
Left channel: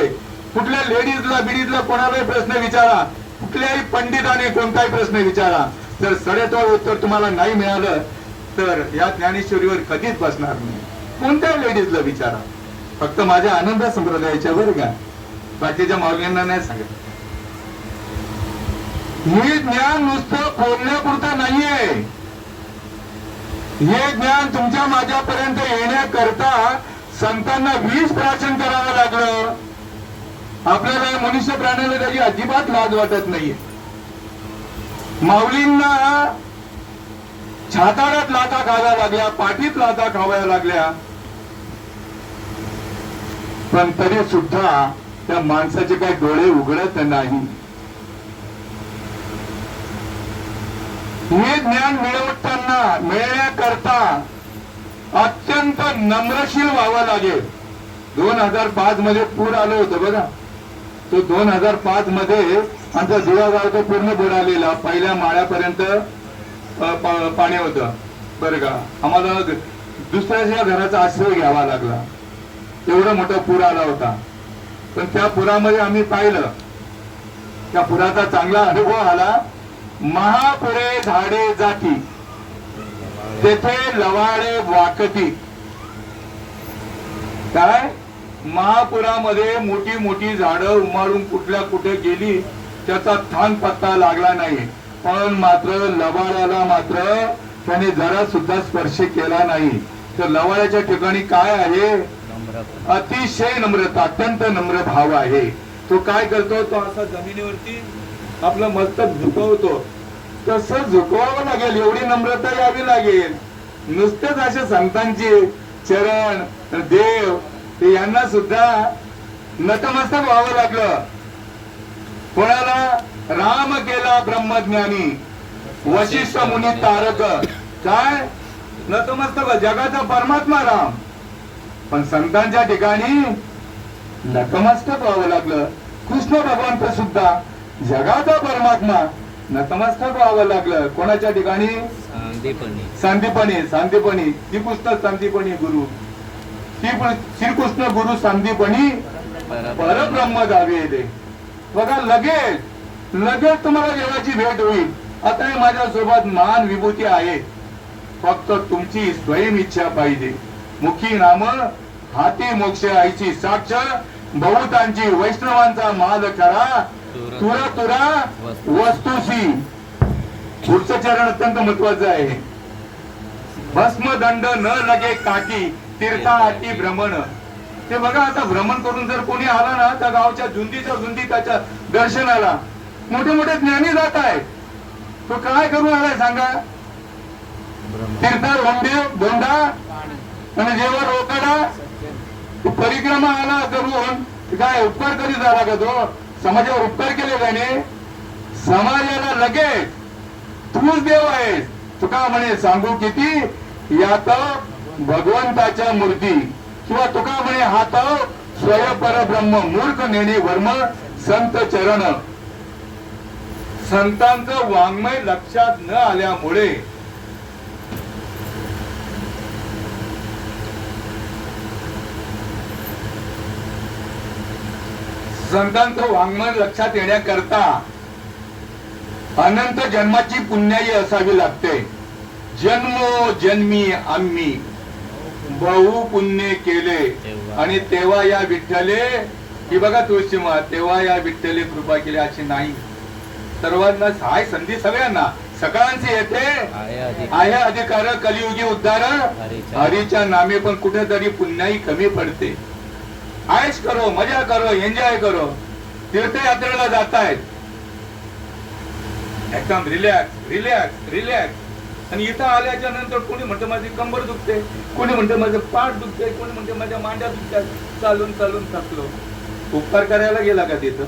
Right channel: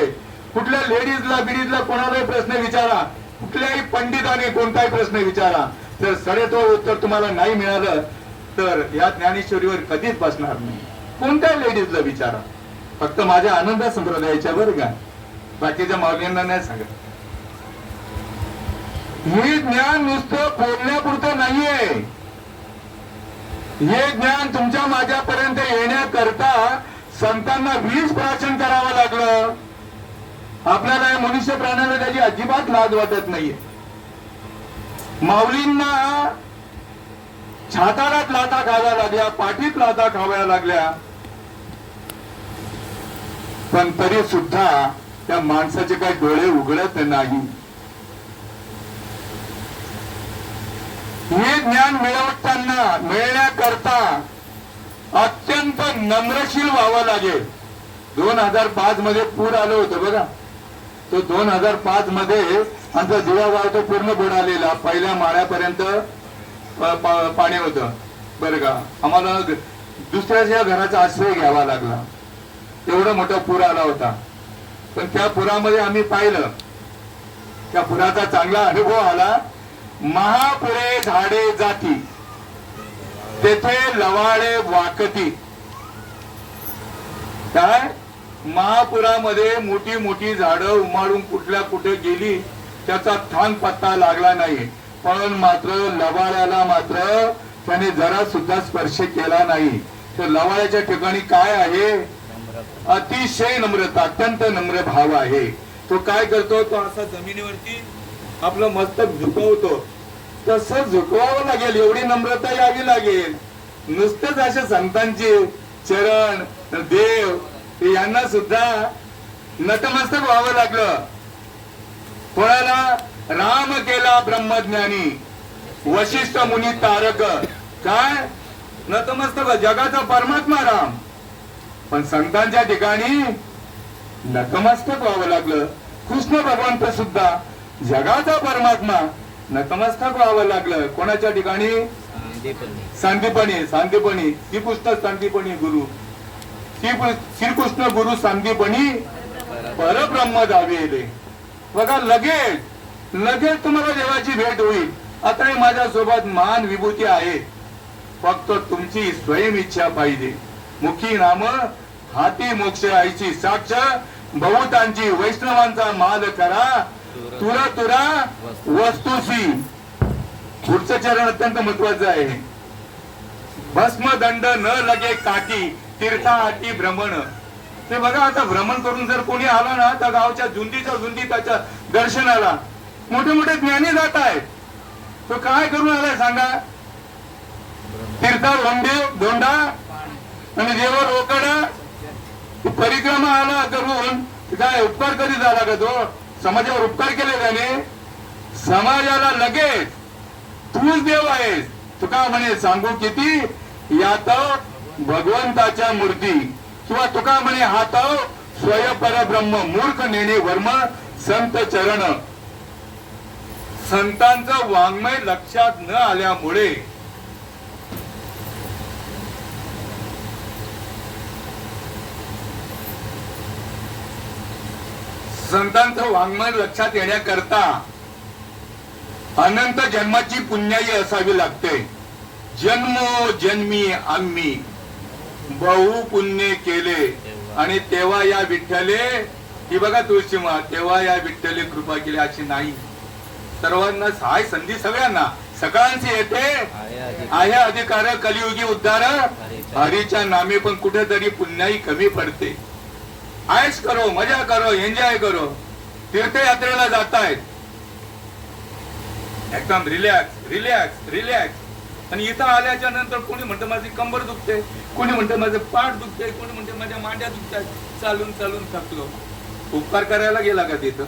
कुठल्या लेडीजला बिडीजला कोणालाही प्रश्न विचारा, कुठल्याही पंडिताने कोणताही प्रश्न विचारा, जर सडेतोड उत्तर तुम्हाला नाही मिळालं तर या ज्ञानेश्वरीवर कधीच बसणार नाही. कोणत्याही लेडीजला विचारा, फक्त माझ्या आनंद संप्रदायाच्या वर का, बाकीच्या माऊल्यांना नाही सांगत. हे ज्ञान नुसतं बोलण्यापुरतं नाहीये. हे ज्ञान तुमच्या माझ्यापर्यंत येण्याकरता संतांना 20 प्राशन करावं लागलं. आपल्याला मनुष्य प्राण्याला त्याची अजिबात लाज वाटत नाहीये. माऊलींना छातारात लाथा खाव्या लागल्या, पाठीत लाथा खाव्या लागल्या, पण तरी सुद्धा त्या माणसाचे काही डोळे उघडत नाही. हे ज्ञान मिळण्याकरता अत्यंत नम्रशील व्हावं लागेल. 2005 मध्ये पूर आलं होतं बघा. तो 2005 मध्ये आमचा दिवा गाव तो पूर्ण बुडालेला, पहिल्या माळ्यापर्यंत पाणी होतं बरं का. आम्हाला दुसऱ्याच्या घराचा आश्रय घ्यावा लागला, एवढा मोठा पूर आला होता. पण त्या पुरामध्ये आम्ही पाहिलं, त्या पुराचा चांगला अनुभव आला. महापुरे झाडे जाती, तेथे लवाडे वाकती. काय महापुरामध्ये मोठी मोठी झाडं उमाळून कुठल्या कुठे गेली, त्याचा थान पत्ता लागला नाही. पण मात्र लवाड्याला मात्र त्याने जरा सुद्धा स्पर्श केला नाही. तर लवाड्याच्या ठिकाणी काय आहे, अतिशय नम्रता, अत्यंत नम्र भाव आहे. तो काय करतो, तो असा जमिनीवरती आपलं मस्तक झुकवतो. तसं झुकवावं लागेल, एवढी नम्रता यावी लागेल. नुसतेच असे संतांचे चरण देव यांना सुद्धा नतमस्तक व्हावं लागलं. कोणाला? राम केला ब्रह्मज्ञानी, वशिष्ठ मुनी तारक. काय नतमस्तक, जगाचा परमात्मा राम. पण संतांच्या ठिकाणी नतमस्तक व्हावं लागलं. कृष्ण भगवंत सुद्धा जगाचा परमात्मा, नतमस्तक व्हावं लागलं. कोणाच्या ठिकाणी? सांदीपणी श्रीकृष्ण सांदीपणी गुरु, श्रीकृष्ण गुरु सांदीपणी परब्रह्म दावे. बघा लगेच तुम्हाला देवाची भेट होईल. आता माझ्यासोबत मान विभूती आहे, फक्त तुमची स्वयं इच्छा पाहिजे. मुखी नाम हाती मोक्ष आईची साक्ष, बहुतांची वैष्णवांचा माल करा, तुरा तुरा वस्तुसी. पुढचं चरण अत्यंत महत्वाचं आहे. भस्म दंड न लगे काठी, तीर्था आटी भ्रमण. ते बघा, आता भ्रमण करून जर कोणी आला ना, त्या गावच्या झुंजीच्या झुंजी त्याच्या दर्शनाला मोठे मोठे ज्ञानी जात आहेत. तो काय करून आलाय सांगा? तीर्था धोंडा आणि देवा रोकडा परिक्रमा आला करून. काय उपकार कधी झाला का तो? समाजावर उपकार केले त्याने. समाजाला लगेच तूच देव आहेस. तुका म्हणे सांगू किती, यात भगवंताच्या मूर्ती. किंवा तुका म्हणे हात स्वय परब्रह्म, मूर्ख नेणे वर्म संत चरण. संतांचं वाङ्मय लक्षात न आल्यामुळे संतांचं वाङ्मय लक्षात येण्याकरता अनंत जन्माची पुण्याई असावी लागते. जन्मोजन्मी आम्ही बहु पुण्य केले आणि तेव्हा या विठ्ठले, ही बघा तुळशीमा, तेव्हा या विठ्ठले कृपा केली अशी नाही. सर्वांना हाय संधी, सगळ्यांना सकाळची येते आहे अधिकार, कलियुगी उद्धार हरीच्या नामे. पण कुठेतरी पुण्याई कमी पडते. आयश करो, मजा करो, एन्जॉय करो. तीर्थयात्रेला जातायत, एकदम रिलॅक्स. आणि इथं आल्याच्या नंतर कोणी म्हणतं माझी कंबर दुखते, कोणी म्हणतं माझं पाठ दुखते, कोणी म्हणतं माझ्या मांड्या दुखतात. चालून थकलो. उपकार करायला गेला का तिथं?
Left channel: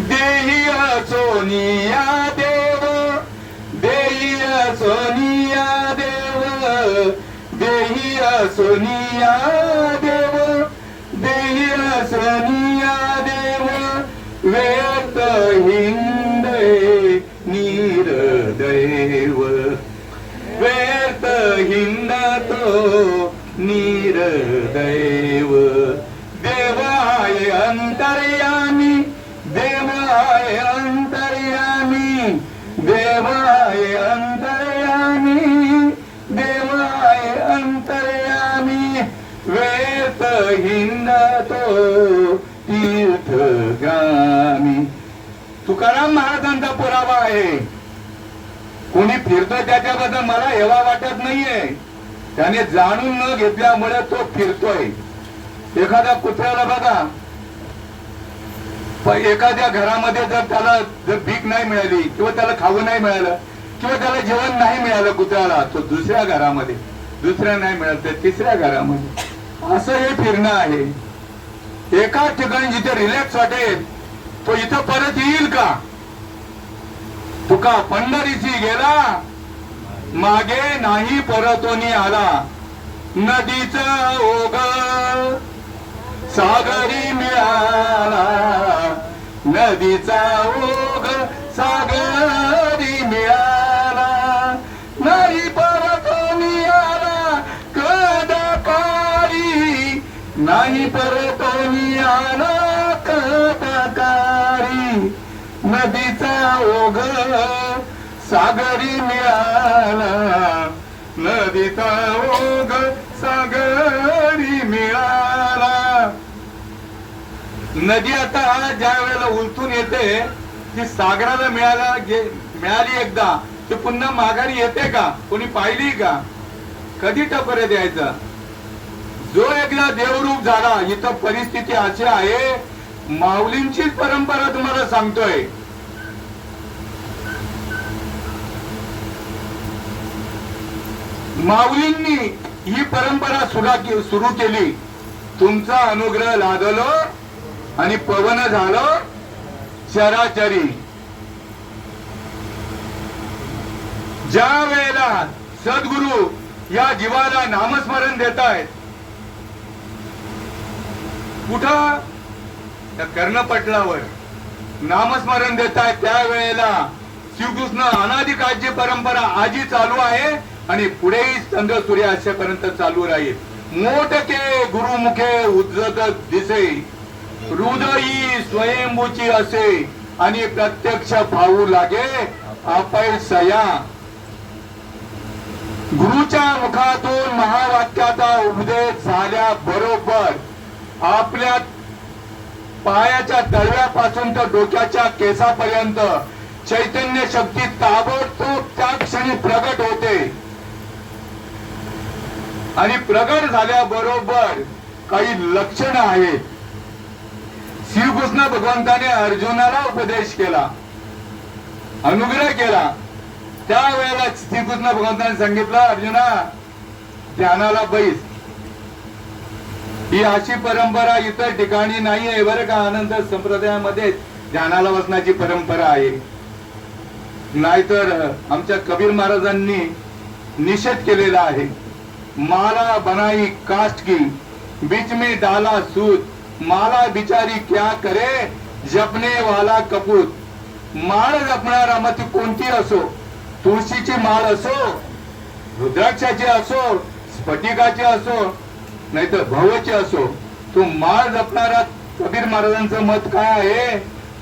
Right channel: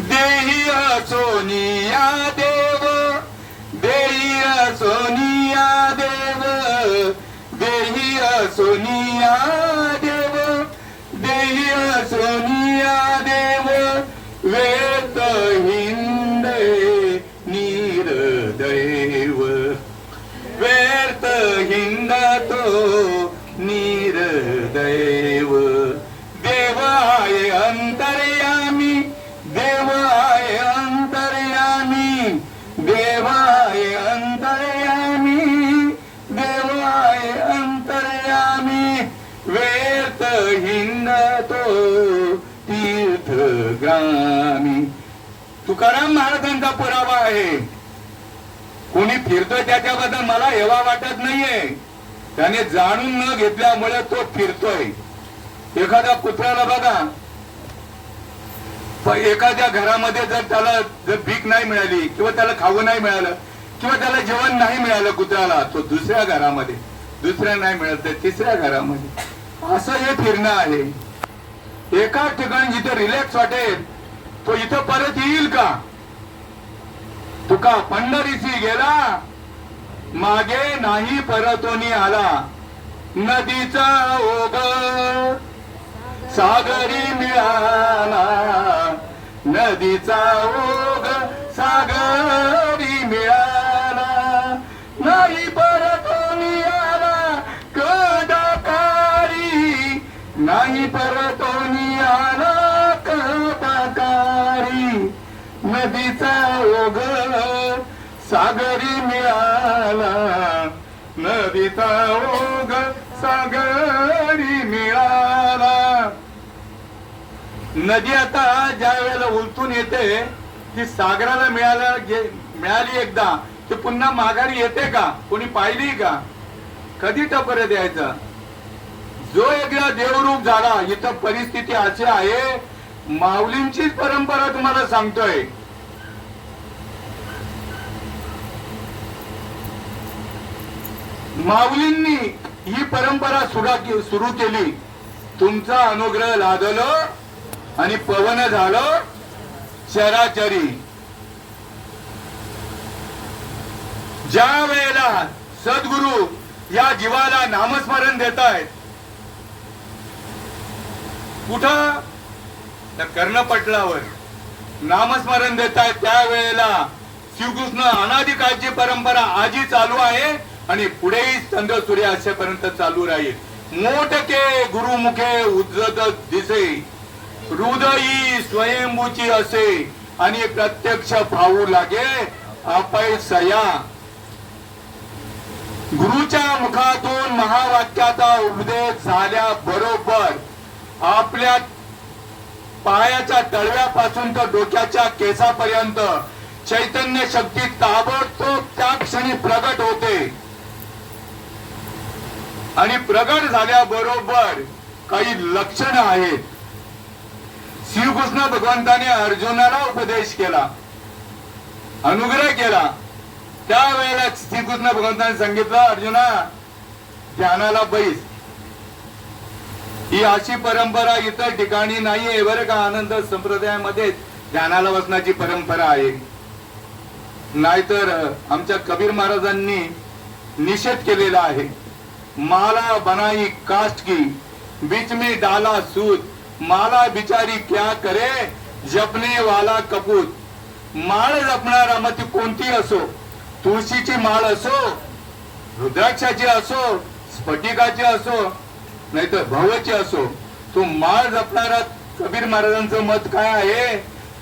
देही सोनिया देव, देही सोनिया देव, देही सोनिया देव, देही सोनिया देव. वेद हिंदे नीरदैव, वेद हिंदतो नीरदैव. देवाय अंत तुकाराम महाराजांचा पुरावा आहे. कोणी फिरतोय त्याच्याबद्दल मला हेवा वाटत नाहीये. त्याने जाणून न घेतल्यामुळे तो फिरतोय. एखाद्या कुत्र्याला बघा, एखाद्या घरामध्ये जर भीक नाही मिळाली किंवा त्याला खावं नाही मिळालं किंवा त्याला जेवण नाही मिळालं कुत्र्याला, तो दुसऱ्या घरामध्ये, दुसऱ्या नाही मिळालं तर तिसऱ्या घरामध्ये, असं हे फिरणं आहे. एका ठिकाणी जिथे रिलॅक्स वाटेल तो इथं परत येईल का? तुका पंढरीशी गेला मागे नाही परतोनी आला. नदीचा ओघ सागरी मिळाला, नदीचा ओघ सागरी मिळाला. नाही परतोनी आला कदाकारी, नाही परतोनी आला कदाकारी. नदीचा ओघ सागरी मिळाला, नदीचा ओघ सागरी मिळाला. नदी आता ज्या वेळेला उलटून येते की सागराला मिळाली एकदा, ती पुन्हा माघारी येते का? कोणी पाहिली का? कधी टपर द्यायचा? जो एकदा देवरूप झाला, इथं परिस्थिती अशी आहे. माऊलींचीच परंपरा तुम्हाला सांगतोय. माऊलींनी ही परंपरा सुरू केली. तुमचा अनुग्रह लादलो आणि पवन झालो चराचरी. ज्या वेळेला सद्गुरु या जीवाला नामस्मरण देत आहेत, कुठं? त्या कर्णपटलावर नामस्मरण देत आहेत. त्यावेळेला श्रीकृष्ण अनादिकाळची परंपरा आजही चालू आहे आणि पुढेही चंद्र सूर्य असेपर्यंत चालू राहील. मोठके गुरुमुखे उज्जत दिसे, हृदयी स्वयंभूची असे आणि प्रत्यक्ष भाऊ लागे अपयसया. गुरुच्या मुखातून महावाक्याचा उपदेश झाल्याबरोबर आपल्या पायाच्या तळव्यापासून तर डोक्याच्या केसापर्यंत चैतन्य शक्ती ताबडतोब त्या क्षणी प्रगट होते. आणि प्रगट झाल्याबरोबर काही लक्षणं आहेत. श्रीकृष्ण भगवंताने अर्जुनाला उपदेश केला, अनुग्रह केला. त्यावेळेला श्रीकृष्ण भगवंताने सांगितलं, अर्जुना ध्यानाला बैस. ही अशी परंपरा इतर ठिकाणी नाहीये बरं का. आनंद संप्रदायामध्ये ध्यानाला बसण्याची परंपरा आहे. नाहीतर आमच्या कबीर महाराजांनी निषेध केलेला आहे. माला बनाई कास्ट की बीच में डाला सूद, माला बिचारी क्या करे जपने वाला कपूत. माळ जपणारा मग ती कोणती असो, तुळशीची माळ असो, रुद्राक्षाची असो, स्फटिकाची असो, नाहीतर भवची असो, तो माळ जपणारा कबीर महाराजांचं मत काय आहे?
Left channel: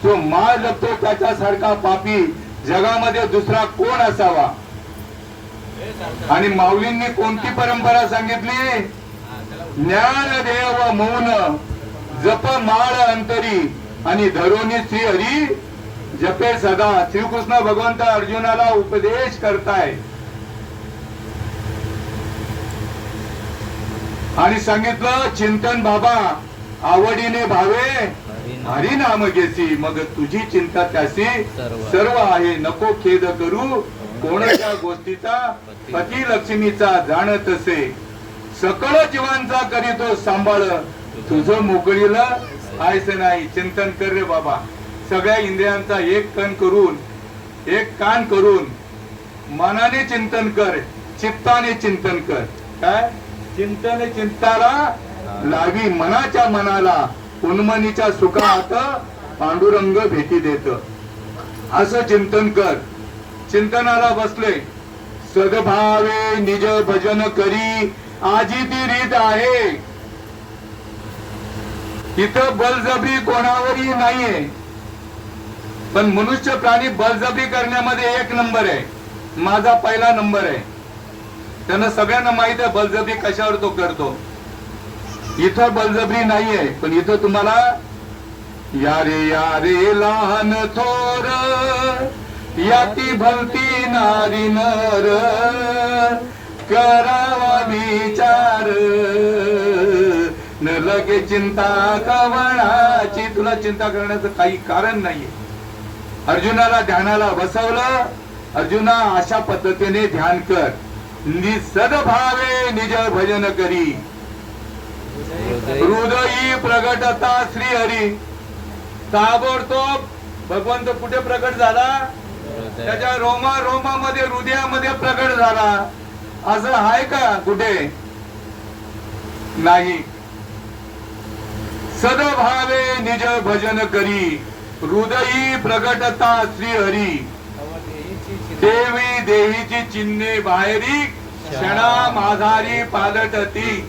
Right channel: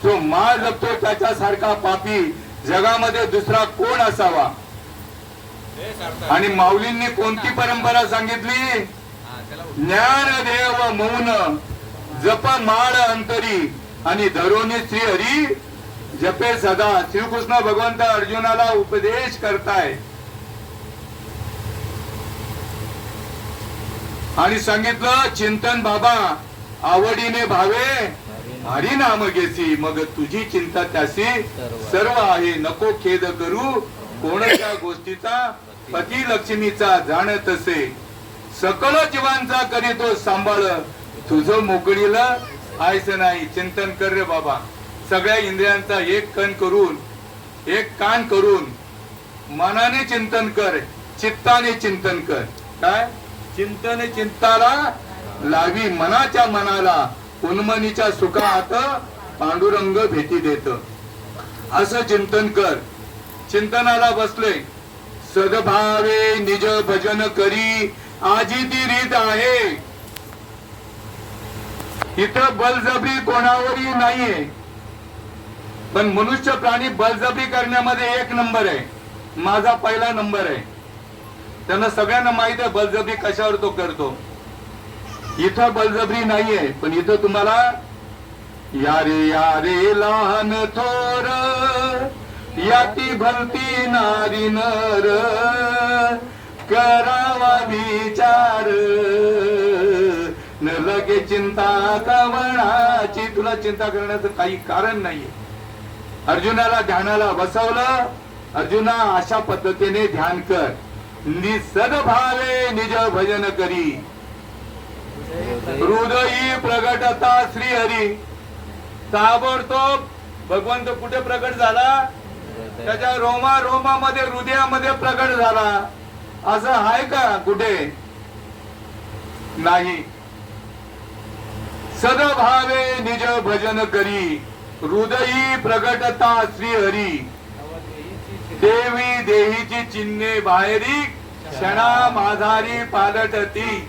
तो माळ जपतो त्याच्यासारखा पापी जगामध्ये दुसरा कोण असावा. आणि माऊलींनी कोणती परंपरा सांगितली? ज्ञानदेव मौन जप माळ अंतरी आणि धरोनी श्री हरी जपे सदा. श्रीकृष्ण भगवंत अर्जुनाला उपदेश करताय आणि सांगितलं, चिंतन बाबा आवडीने भावे हरी नाम घेसी, मग तुझी चिंता त्यासी सर्व आहे. नको खेद करू कोणत्या गोष्टीचा, पती लक्ष्मीचा जाणत असे. सकळ जीवांचा करीतो सांभाळ, तुझं मोकळीला आयस नाही. चिंतन कर रे बाबा. सगळ्या इंद्रियांचा एक कान करून मनाने चिंतन कर, चित्ताने चिंतन कर. काय चिंतन? चिंताला लावी मनाच्या मनाला, उन्मनीच्या सुखात पांडुरंग भेटी देत. असं चिंतन कर. चिंतनाला बसले, सद्भावे निज भजन करी आजी ती रीत आहे. इथं बळजबरी कोणावरही नाहीये, पण मनुष्य प्राणी बळजबरी करण्यामध्ये एक नंबर आहे. माझा पहिला नंबर आहे. त्यांना सगळ्यांना माहित आहे बळजबरी कशावर तो करतो. इथं बळजबरी नाहीये, पण इथं तुम्हाला यारे लहान थोर याती भलती नारी नर करावा विचार न लगे चिंता कवणाची. तुला चिंता करण्याचं काही कारण नाहीये. अर्जुनाला ध्यानाला बसवलं. अर्जुना अशा पद्धतीने ध्यान कर. सद्भावे निज भजन करी हृदयी प्रगटता श्री हरी. ताबडतोब भगवंत कुठे प्रकट झाला? त्याच्या रोमामध्ये हृदयामध्ये प्रकट झाला. असं आहे का कुठे? नाही. सद्भावे निज भजन करी हृदयी प्रगटता श्री हरी. देवी देहीची चिन्हे बाहेरी क्षणा माधारी पालटती.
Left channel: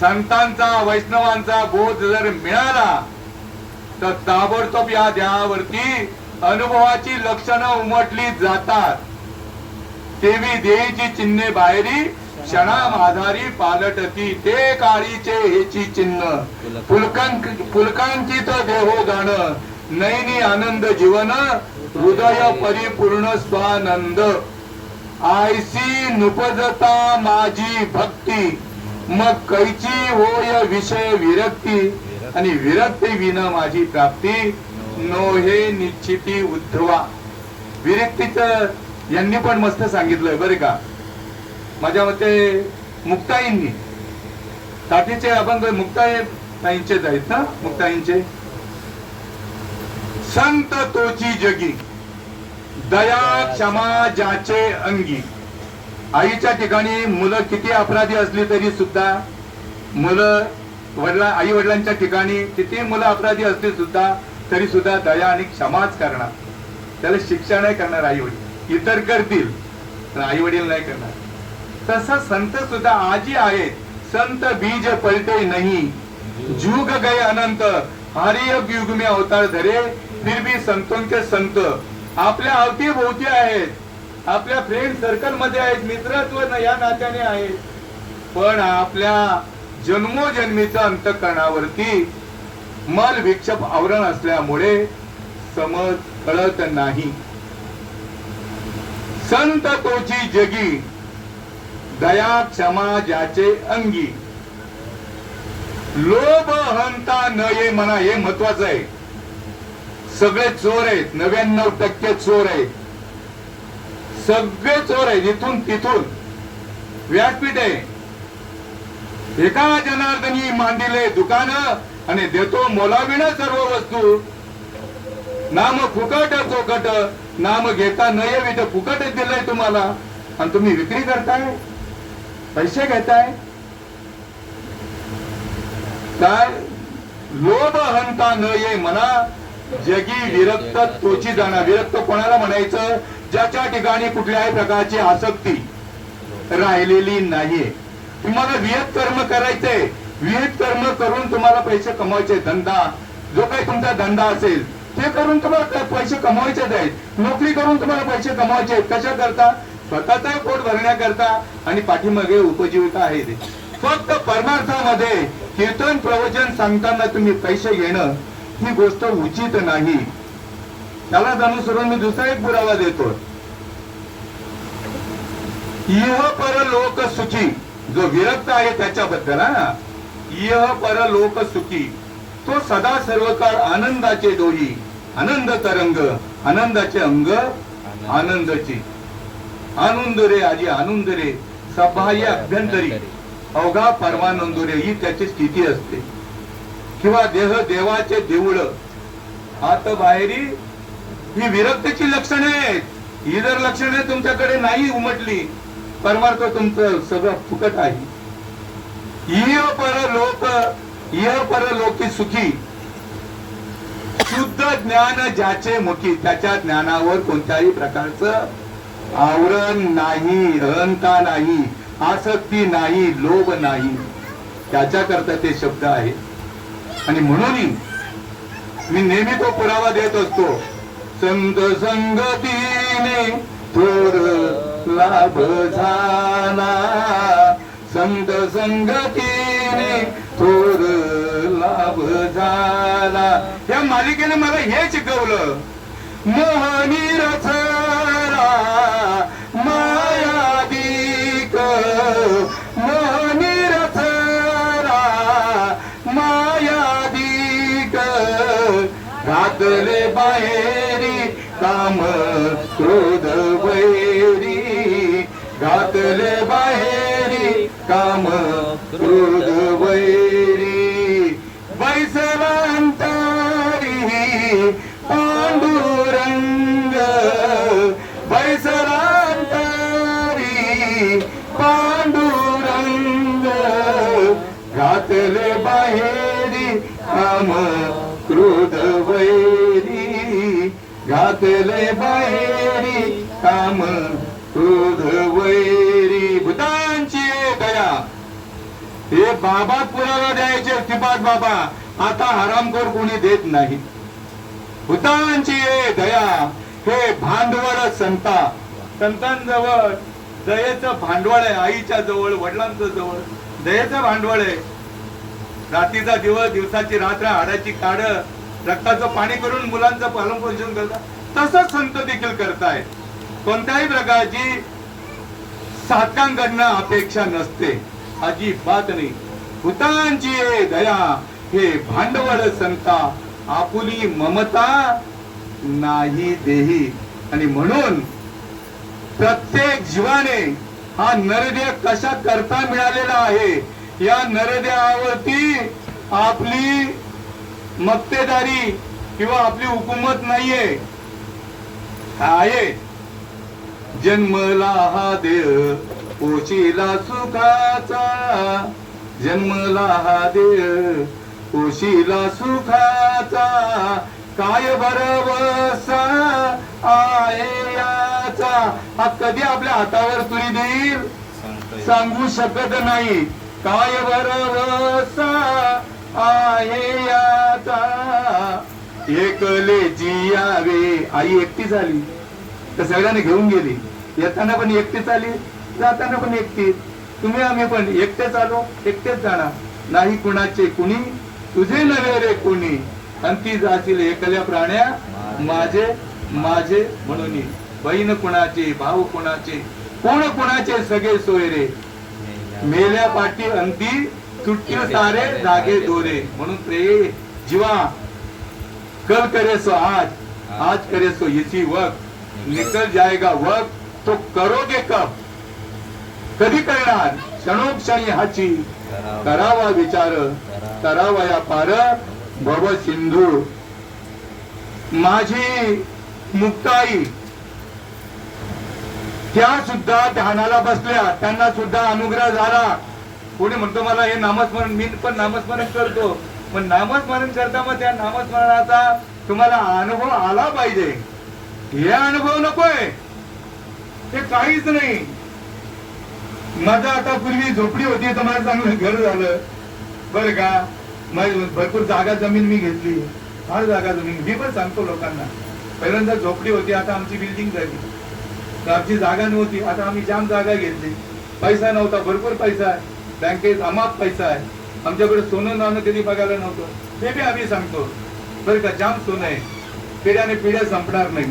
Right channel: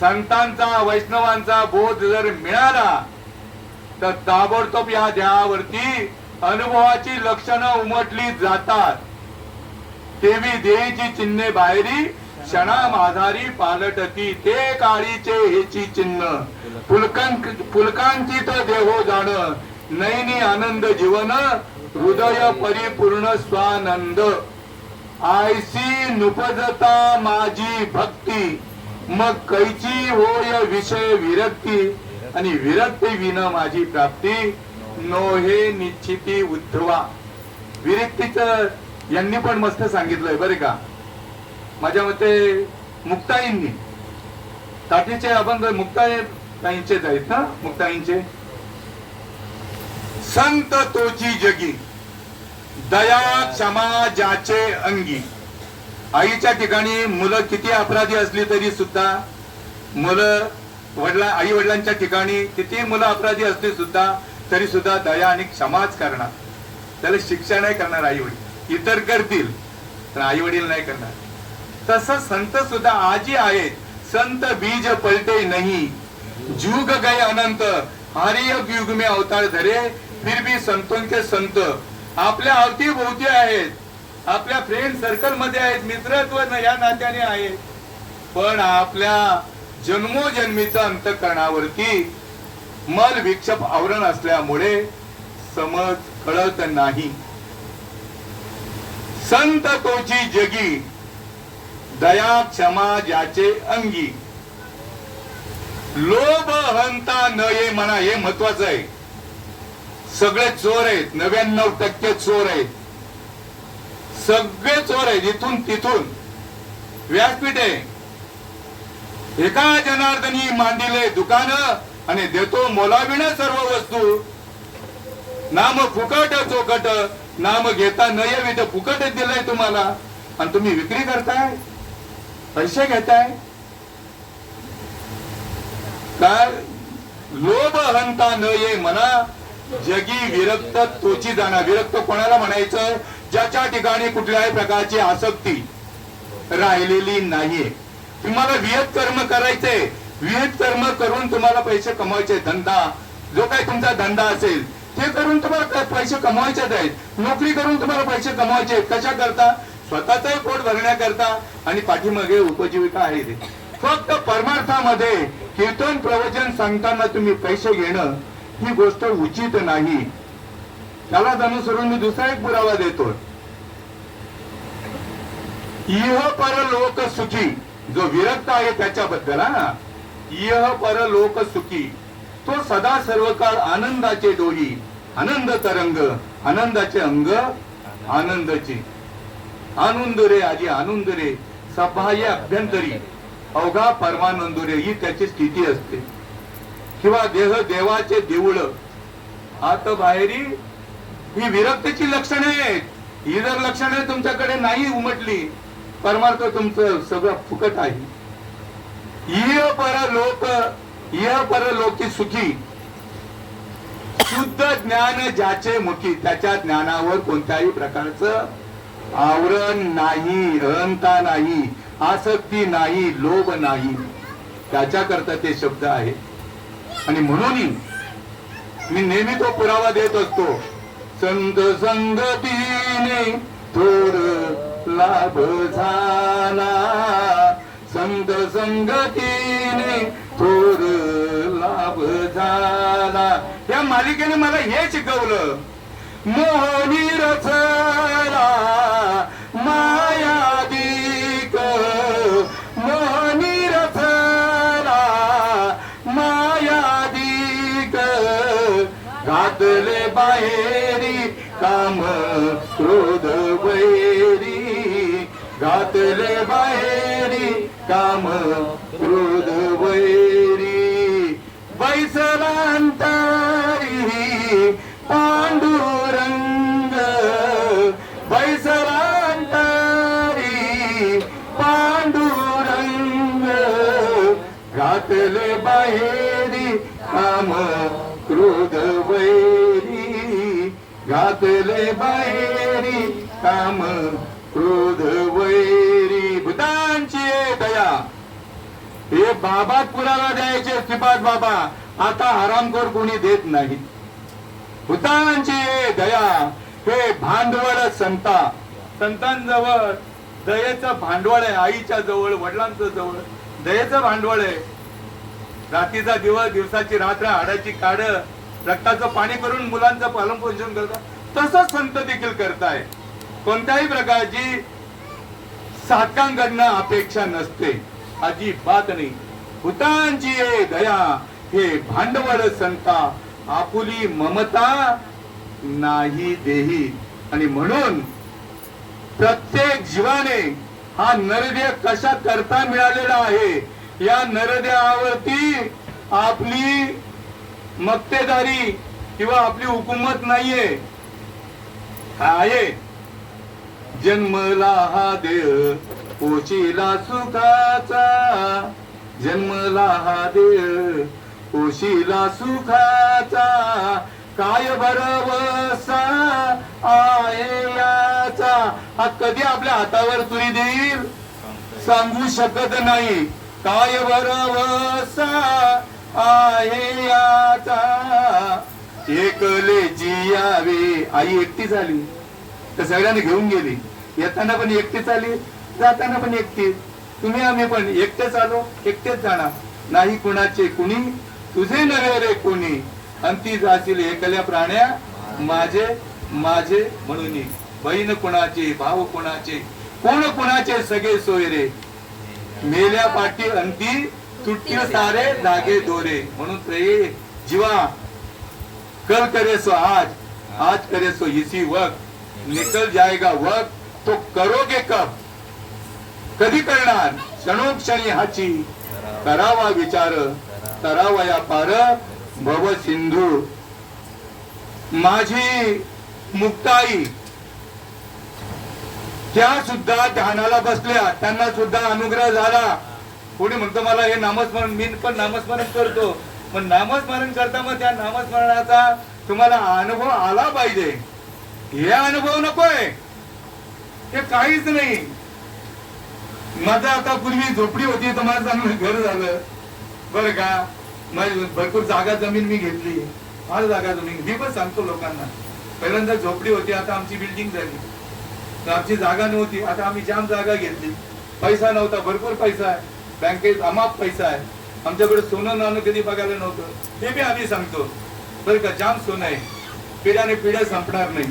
संतांचा वैष्णवांचा बोध जर मिळाला तर ताबडतोब या देहावरती अनुभवाची लक्षणं उमटली जातात. देवी देहीची चिन्हे बाहेरी क्षणा माधारी पालटती. ते काळीचे हेची चिन्ह फुलकांची तो देहो जाण नैनी आनंद जीवन हृदय परिपूर्ण स्वानंद. आयसी नुपजता माझी भक्ती मग कैची होय विषय विरक्ती. आणि विरक्ती विना माझी प्राप्ती नोहे निश्चिती उद्धवा. विरक्तीच यांनी पण मस्त सांगितलंय बरे का. माझ्या मते मुक्ताईंनी ताटीचे अभंग मुक्ताईंचेच आहेत ना. मुक्ताईंचे संत तोची जगी दया क्षमा ज्याचे अंगी. आईच्या ठिकाणी मुलं किती अपराधी असली तरी सुद्धा आई वडिलांच्या ठिकाणी किती मुलं अपराधी असली सुद्धा तरी सुद्धा दया आणि क्षमाच करणार. त्याला शिक्षा नाही करणार आई वडील. इतर करतील पण आई वडील नाही करणार. तसं संत सुद्धा आजी आहेत. संत बीज पलटे नहीं जुग गए अनंत हरि युग में अवतार धरे फिर भी संतों के संत. आपल्या अवतीभोवती आहेत. आपल्या फ्रेंड सर्कल मध्ये आहेत. मित्रत्व या नात्याने आहेत. पण आपल्या जन्मोजन्मीच्या अंतःकरणावरती मल विक्षेप आवरण असल्यामुळे समज कळत नाही. संत तोची जगी दया क्षमा ज्याचे अंगी. लोभ हंता न ये म्हणा. हे महत्वाचं आहे. सगळे चोर आहेत. 99% चोर आहेत. सगळे चोर आहेत. इथून तिथून व्यासपीठ आहे. एका जनार्दनी मांडिले दुकान आणि देतो मोलाविण सर्व वस्तू. नाम फुकट चोकट नाम घेता नये विध. फुकट दिलंय तुम्हाला आणि तुम्ही विक्री करताय. पैसे घेताय काय? लोभ हंता न ये म्हणा जगी विरक्त तोची जाणा. विरक्त कोणाला म्हणायचं? ज्याच्या ठिकाणी कुठल्याही प्रकारची आसक्ती राहिलेली नाहीये. तुम्हाला विहित कर्म करायचे. विहित कर्म करून तुम्हाला पैसे कमवायचे. धंदा जो काही तुमचा धंदा असेल ते करून तुम्हाला पैसे कमवायचेच आहेत. नोकरी करून तुम्हाला पैसे कमवायचे आहेत. कशा करता? स्वतःचाही पोट भरण्याकरता आणि पाठीमागे उपजीविका आहे ती. फक्त परमार्थामध्ये कीर्तन प्रवचन सांगताना तुम्ही पैसे घेणं ही गोष्ट उचित नाही. त्याला अनुसरून मी दुसरा एक पुरावा देतो. इह पर लोक सुखी. जो विरक्त आहे त्याच्याबद्दल इह पर लोक सुखी. तो सदा सर्व काळ आनंदाचे दोही. आनंद तरंग आनंदाचे अंग आनंदाची. आनंद रे आजी आनंद रे सबाह्य अभ्यंतरी अवघा परमानंद रे ही त्याची स्थिती असते. किंवा देह देवाचे देऊळ आत बाहेरी. ही विरक्तीची लक्षणे आहेत. ही जर लक्षणे तुमच्याकडे नाही उमटली परमार्थ तुमचं सगळं फुकट आहे. इह पर लोकी सुखी शुद्ध ज्ञान ज्याचे मुखी. त्याच्या ज्ञानावर कोणत्याही प्रकारचं आवरण नाही. अहंता नाही. आसक्ती नाही. लोभ नाही. त्याच्याकरता ते शब्द आहे. आणि म्हणून मी नेहमी तो पुरावा देत असतो. संत संगतीने थोर लाभ झाला. संत संगतीने थोर लाभ झाला. या मालिकेने मला हे शिकवलं, मोहनी रचना मायादिक, मोहनी रचना मायादिक, घातले बाहेरी काम क्रोध वैरी, घातले बाहेरी काम क्रोध वैरी, बैसलांतरी पांडुरंग, बैसलांतरी पांडुरंग, घातले बाहेरी काम क्रोध वैरी, घातले बाहेरी काम क्रोध वैरी. भूतांची दया, हे बाबा पुरावा द्यायचे श्रीपाद बाबा, आता हरामखोर कोणी देत नाही. भूतांची दया, हे भांडवल संता, संतांजवळ दयेचं भांडवल आहे. आईच्या जवळ, वडिलांच्या जवळ दयेचं भांडवल आहे. रात्रीचा दिवस, दिवसाची रात्र, हाडाची काड, रक्ताचं पाणी करून मुलांचं पालन पोषण करतात. तसंच संत देखील करतायत. कोणत्याही प्रकारची साधकांकडनं अपेक्षा नसते, अजिबात नाही. भूतांची दया, हे भांडवल संता, आपुली ममता नाही देही. आणि म्हणून प्रत्येक जीवाने हा नरदेह कशा करता मिळालेला आहे, या नरदेहावरती आपली मक्तेदारी किंवा आपली हुकूमत नाहीये. आहे जन्मला हा देह पोशिला सुखाचा, जन्मला हा देह पोशिला सुखाचा, काय भरवसा आहे याचा. हा कधी आपल्या हातावर तुरी देईल सांगू शकत नाही. काय भरवसा आहे याचा, एकले जियावे. आई एकटी झाली तर सगळ्यांनी घेऊन गेली. येताना पण एकटीच आली, जाताना पण एकटी. तुम्ही आम्ही पण एकटेच आलो, एकटेच जाणार. नाही कुणाचे कुणी, तुझे नव्हे रे कुणी, अंती जातील एकल्या प्राण्या माझे माझे म्हणून. बहीण कुणाचे, भाऊ कुणाचे, कोण कुणाचे सगळे सोयरे, मेल्या पाठी अंती तुटके सारे धागे दोरे. म्हणून प्रे जीवा, कल करे सो आज, आज करे सो इसी वक्त, निकल जाएगा वक्त तो करोगे कब. कधी करणार, क्षणोक्षणी हाची करावा विचार, करावा या पार भव सिंधू. माझी मुक्ताई, त्या सुद्धा ध्यानाला बसल्या, त्यांना सुद्धा अनुग्रह झाला. कोणी म्हणतो मला हे नामस्मरण, मी पण नामस्मरण करतो, पण नामस्मरण करता मग त्या नामस्मरणाचा तुम्हाला अनुभव आला पाहिजे. हे अनुभव नकोय, ते काहीच नाही. माझा आता पूर्वी झोपडी होती तर मला चांगलं घर झालं बरं का. भरपूर जागा जमीन मी घेतली, फार जागा जमीन. मी पण सांगतो लोकांना, पहिल्यांदा झोपडी होती, आता आमची बिल्डिंग झाली. तर आमची जागा नव्हती, आता आम्ही जाम जागा घेतली. पैसा नव्हता, भरपूर पैसा आहे बँकेत, अमाप पैसा आहे. आमच्याकडे सोनं नाणं कधी बघायला नव्हतं, ते बी आम्ही सांगतो बरं का. जाम सोनं आहे, पिढ्याने पिढ्या संपणार नाही.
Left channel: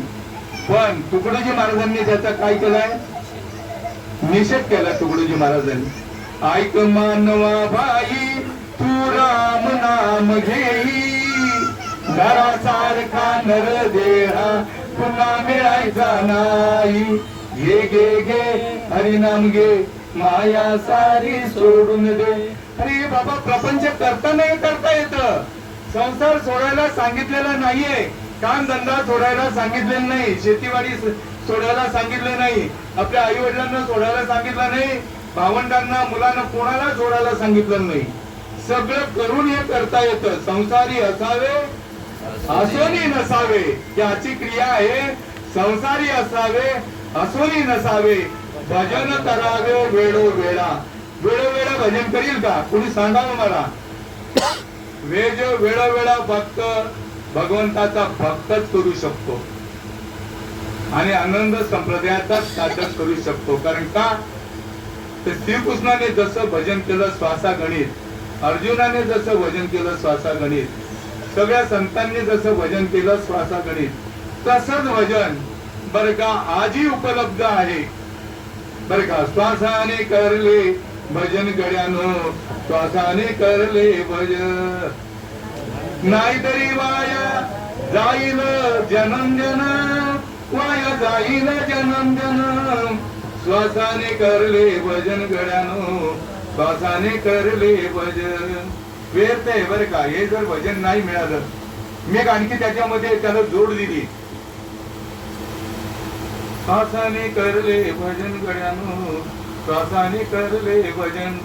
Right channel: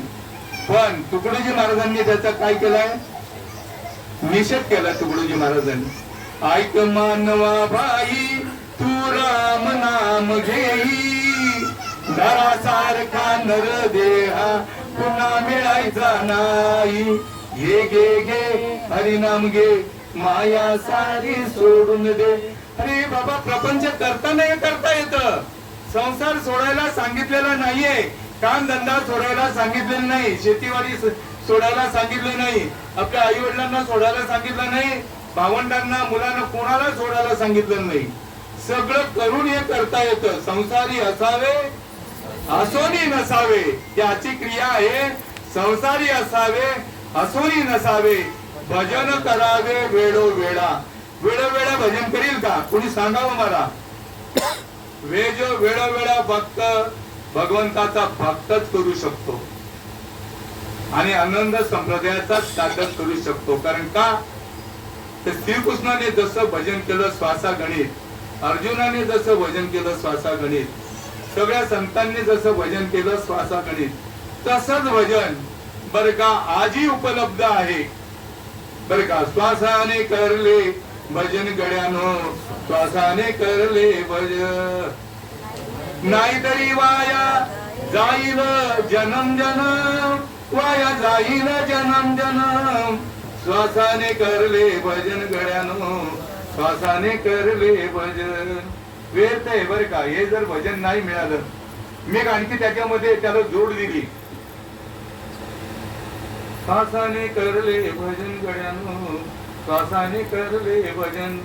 पण तुकडोजी महाराजांनी त्याचा काय केलाय, निषेध केलाय. तुकडोजी महाराजांनी, ऐक मानवा भाई तू राम नाम घेई, नरासारखा नर देहा पुन्हा मिळायचा नाही. घे घे घे हरिनाम घे, माया सारी सोडून दे. अरे बाबा, प्रपंच करता नाही करता येत. संसार सोडायला सांगितलेला नाहीये, काम धंदा सोडायला सांगितलेला नाही, शेतीवाडी सोडायला सांगितलं नाही, आपल्या आई वडिलांना सोडायला सांगितलं नाही, भावंडांना मुलांना कोणाला सोडायला सांगितलं नाही. सगळं करून हे करता येतं. संसारी असावे असोनी नसावे, याची क्रिया आहे. संसारी असावे असोनी नसावे, भजन करावे वेळोवेळा. वेळोवेळा भजन करील का कोणी सांगावं मला. वेळोवेळा भक्त भगवंताचा भक्तच करू शकतो आणि आनंद संप्रदायाचा साधक करू शकतो. कारण का, तर श्रीकृष्णाने जसं भजन केलं श्वासा गणित, अर्जुनाने जसं भजन केलं श्वासा गणित, सगळ्या संतांनी जसं भजन केलं श्वासागणित तसंच भजन बर का आजही उपलब्ध आहे बर का. श्वासाने करले भजन गड्यानो, श्वासाने करले भजन. नाहीतरी वाया जाईल जन्म जन्म, वाया जाईल जन्म जन्म. श्वासाने करले भजन गड्यानो, श्वासाने करले भजन. व्यर्थ आहे बरं का. हे जर भजन नाही मिळालं, मी आणखी त्याच्यामध्ये त्याला जोड दिली. श्वासाने करले भजन गड्यानो, श्वासाने करले भजन.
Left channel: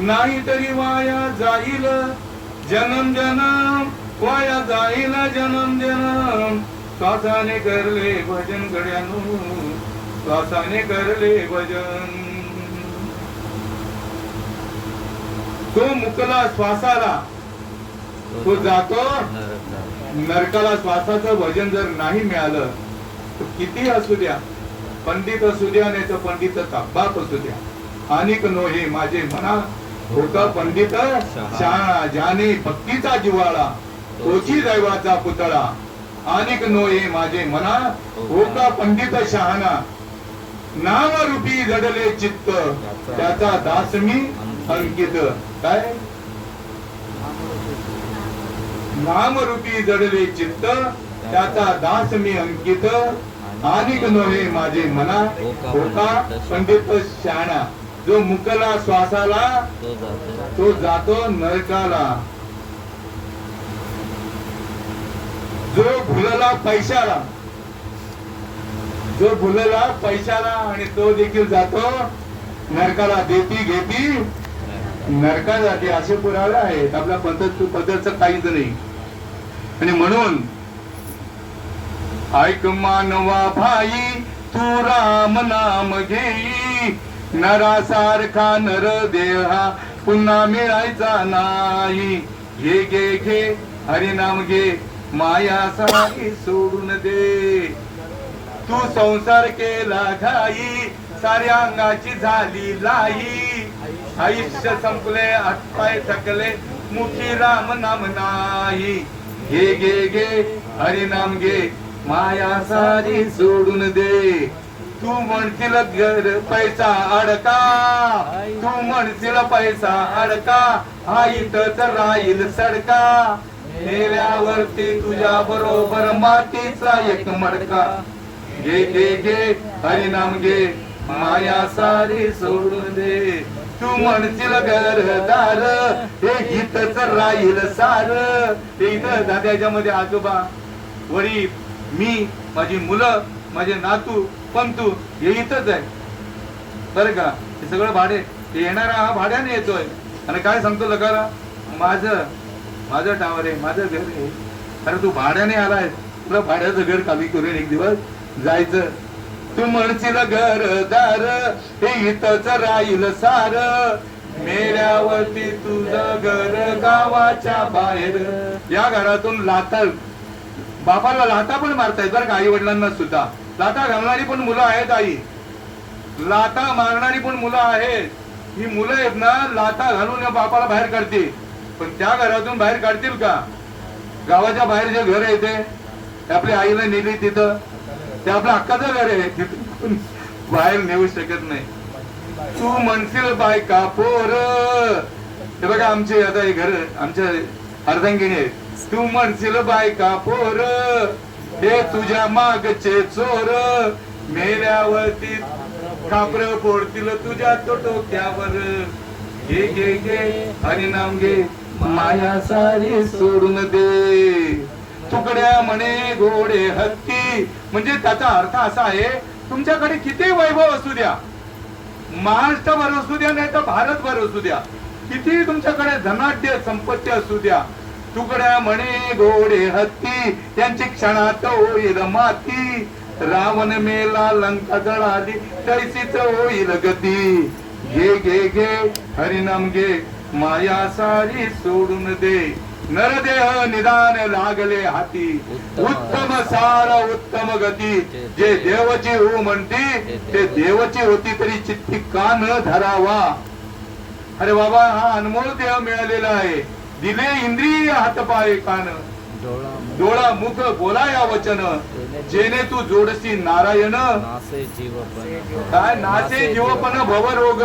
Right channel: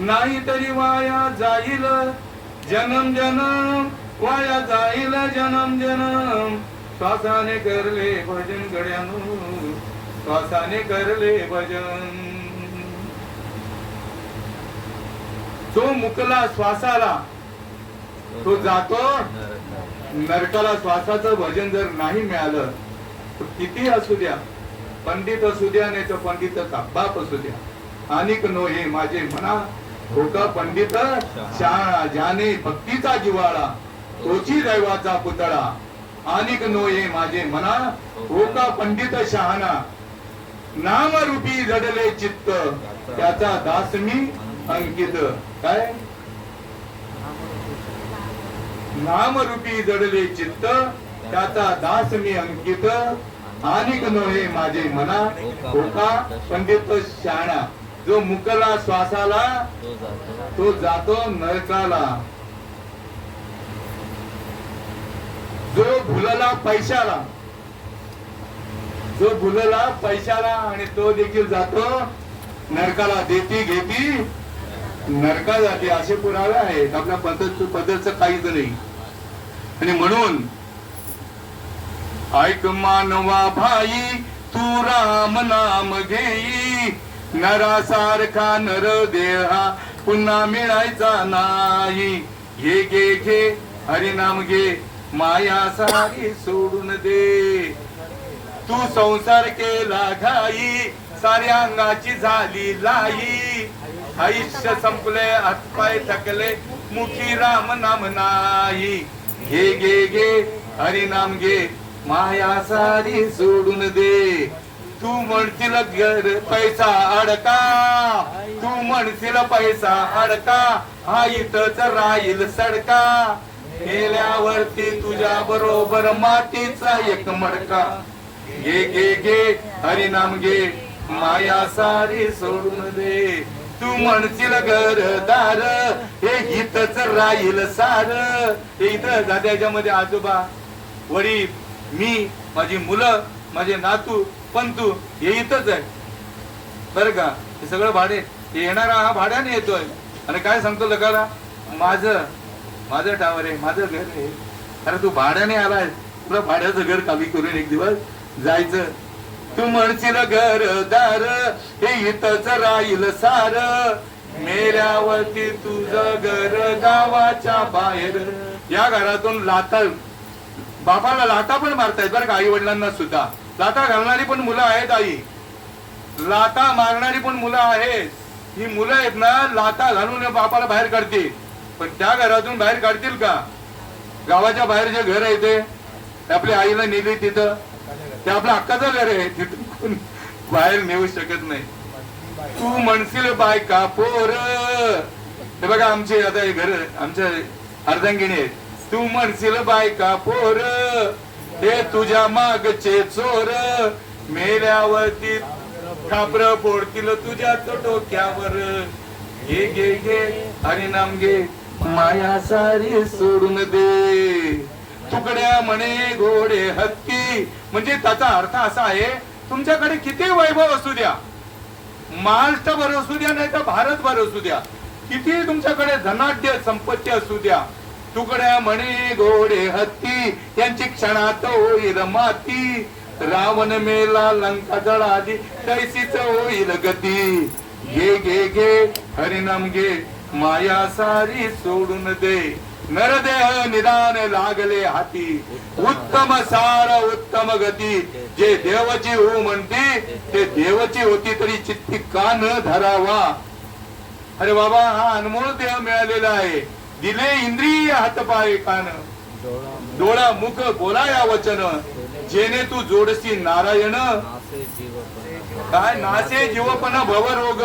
नाही तरी वाया जाईल जन्म जन्म, वाया जाईल जन्म जन्म. श्वासाने करले भजन गड्यानो, श्वासाने करले भजन. तो मुकला श्वासाला तो जातो नरकाला. श्वासाचं भजन जर नाही मिळालं तर किती असू द्या, पंडित असू द्या नाही तर पंडिताचा बाप असू द्या, अनिक नोहे माझे मना होता पंडित शहाणा. ज्याने भक्तीचा जिव्हाळा तोची दैवाचा पुतळा. अनिक नोहे माझे मना होता पंडित शहाणा. नामरूपी जडले चित्त त्याचा दास मी अंकित. काय नामरूपी जडले चित्त त्याचा दास मी अंकित. अनिक नोहे माझे मना होता पंडित शहाणा. जो मुकला श्वासाला तो जातो नरकाला. जो भुलला पैशाला, जो भुलला पैशाला आणि तो देखील जातो नरकाला. देती घेती नरका जाते असे पुरावे आहेत. आपल्या पद्धतचं काहीच नाही. आणि म्हणून ऐक मानवा भाई तू राम नाम घेई. नरासारखा नर देहा पुन्हा मिळायचा नाही. घे घे घे हरिनाम घे माया सारी सोडून दे. तू संसार केला घाई साऱ्या अंगाची झाली लाई. आयुष्य संपले हातपाय थकले मुखी राम नाम नाही. घे घे घे हरिनाम घे माया सारी सोडून दे. तू म्हणशील घर पैसा अडका, तू म्हणशील पैसा अडका, हा इथंच राहील सडका. गेल्यावरती तुझ्या बरोबर मातीचा एक मडका. घे घे घे हरिनाम घे माया सारी सोडून दे. तू म्हणशील घरदार हे इथंच राहील सार. हे इथं त्याच्यामध्ये आजोबा वडील मी माझी मुलं माझे नातू पंतू हे इथंच आहे बरं का. हे सगळं भाडे येणारा हा भाड्याने येतोय. आणि काय सांगतो लगाला माझं टावर आहे माझं घर आहे. अरे तू भाड्याने आलाय, तुला भाड्याचं घर खाली करून एक दिवस जायचं. तू म्हणशील घरदार हे इथंच राहील सार. मेल्यावरती तुझं घर गावाच्या बाहेर. या घरातून लाता बापाला लाता पण मारतायत बरं का. आई वडिलांना सुद्धा लाता घालणारी पण मुलं आहेत. आई लाता मारणारी पण मुलं आहेत. ही मुलं आहेत ना लाता घालून बापाला बाहेर काढतील. पण त्या घरातून बाहेर काढतील का? गावाच्या बाहेर जे घर आहे ते आपल्या आईला नेली तिथं, ते आपल्या हक्काचं घर आहे, तिथून कोण बाहेर नेऊ शकत नाही. तू म्हणशील बायका पोर. हे बघा आमचे आता हे घर आमच्या अर्धांगिनी आहे. तू म्हणशील बायका पोर हे तुझ्या मागचे चोर. मेल्यावरती खापर फोडतील तुझ्या डोक्यावर. घे घे घे हरिनाम घे माया सारी सोडून दे. तुकड्या म्हणे घोडे हत्ती. म्हणजे त्याचा अर्थ असा आहे तुमच्याकडे किती वैभव असू द्या, महाराष्ट्रभर असू द्या नाही तर भारतभर असू द्या, किती तुमच्याकडे धनाढ्य संपत्ती असू द्या, तुकड्या म्हणे घोडे हत्ती यांची क्षणात होईल माती. रावण मेला लंका जळाली तैसीच होईल गती. घे घे घे हरिनाम घे माया सारी सोडून दे. नरदेह निदान लागले हाती उत्तम सार उत्तम गती. जे देवची हो म्हणते ते देवची होती तरी चित्ती कान धरावा. अरे बाबा हा अनमोल देह मिळालेला आहे. दिले इंद्रिय हातपाय कान डोळा मुख बोला या वचन जेणे तू जोडसी नारायण काय नासे जीवपण भवरोग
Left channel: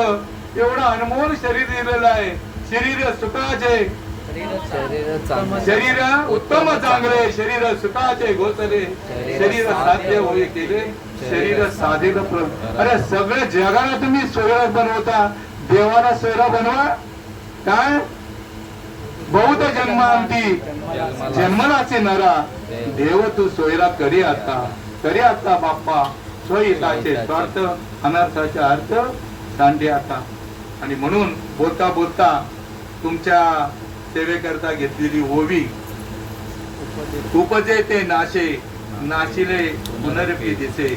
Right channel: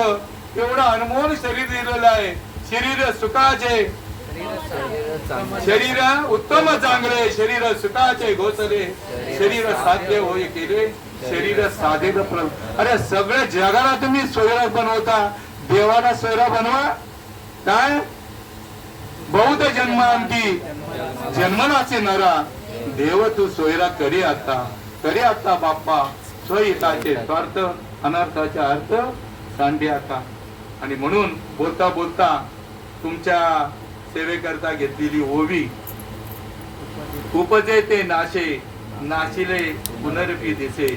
एवढं अनमोल शरीर दिलेलं आहे. शरीर सुखाचे शरीर उत्तम चांगले शरीर सुखाचे घोसले शरीर साध्य होई केले शरीर साधेल अरे सगळ्या जगाला तुम्ही सोयरा बनवता देवाला सोयरा बनवा काय बहुत जन्मांती जन्मलाचे नरा देव तू सोयरा करी आता बाप्पा स्वहिताचे स्वार्थ अनर्थाचे अर्थ सांगे आता. आणि म्हणून बोलता बोलता तुमच्या सेवेकरता घेतलेली ओवी उपजे ते नाशे नाशिले पुनरपी दिसे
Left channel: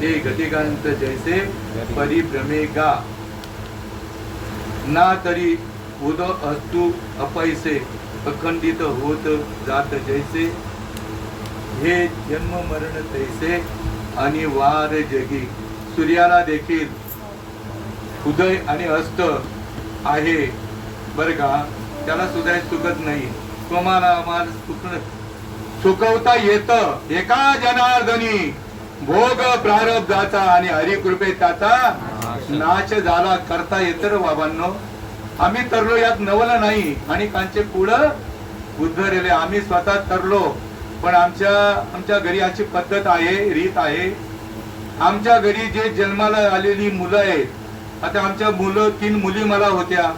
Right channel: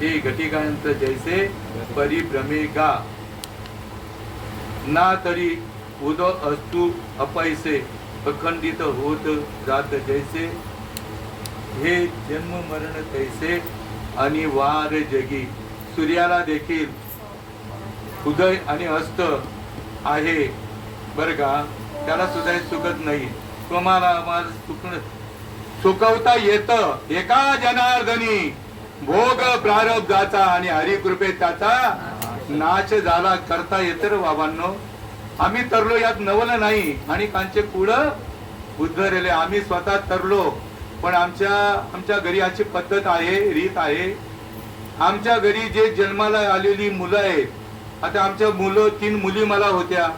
हे घटिकांत जैसे परिभ्रमे गा ना तरी उद अस्तु अपैसे अखंडित होत जात जैसे हे जन्म मरण तैसे आणि वार जगी. सूर्याला देखील उदय आणि अस्त आहे बर का त्याला सुद्धा चुकत नाही. तुम्हाला चुकवता येत एका जनार्दनी भोग प्रारब्धाचा आणि हरिकृपेत त्याचा नाश झाला करता येत रे बाबांनो. आम्ही तरलो यात नवल नाही आणि कांचे कुळ उद्धरले आम्ही स्वतः तरलो पण आमच्या घरी याची पद्धत आहे रीत आहे. आमच्या घरी जे जन्माला आलेली मुलं आहेत आता आमच्या मुलं 3 मुली मला होत्या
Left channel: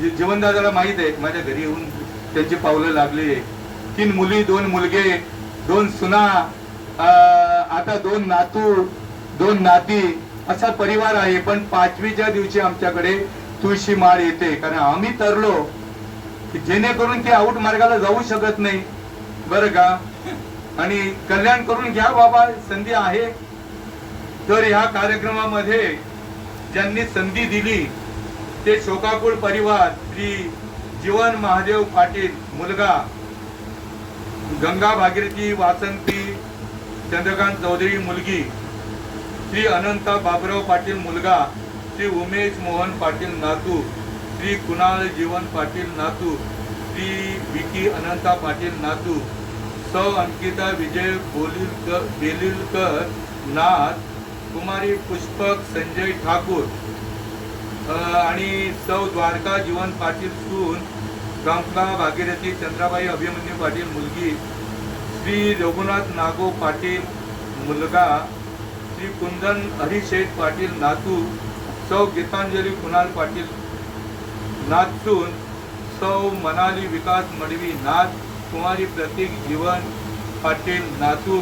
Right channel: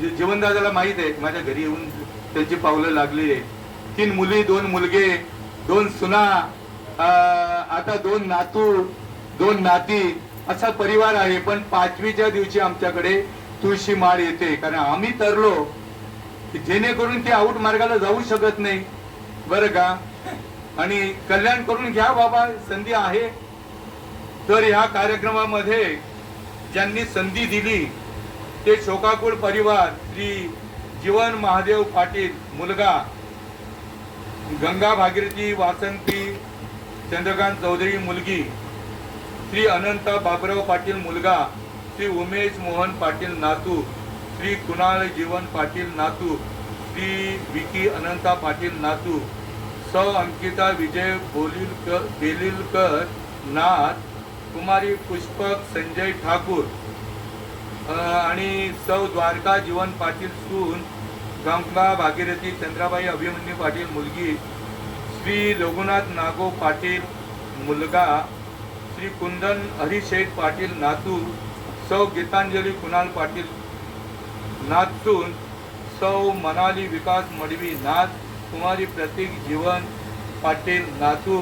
जीवनदादाला माहित आहे माझ्या घरी येऊन त्यांची पावलं लागली. 3 मुली 2 मुलगे 2 सुना आता 2 नातू 2 नाती असा परिवार आहे. पण 5वीच्या दिवशी आमच्याकडे तुळशी माळ येते कारण आम्ही तरलो जेणेकरून ती आऊट मार्गाला जाऊ शकत नाही बरं का. आणि कल्याण करून घ्या बाबा संधी आहे. तर ह्या कार्यक्रमामध्ये ज्यांनी संधी दिली ते शोकाकुळ परिवार श्री जीवन महादेव पाटील मुलगा गंगा भागीरथी वासंती चंद्रकांत चौधरी मुलगी श्री अनंत बाबराव पाटील मुलगा श्री उमेश मोहन पाटील नातू श्री कुणाल जीवन पाटील नातू श्री विकी अनंता पाटील नातू सौ अंकिता विजय बेलिलकर नाथ कुमारी पुष्पक संजय ठाकूर आणि सौ द्वारका जीवन पाटील सून गंगा भागीरथी चंद्राबाई अभिमन्यू पाटील मुलगी श्री रघुनाथ नागो पाटील मुलगा श्री कुंदन हरिशेठ पाटील नातू सौ गीतांजली कुणाल पाटील नातसून सौ मनाली विकास मडवी नाथ कुमारी प्रतीक जीवन पाटील नातू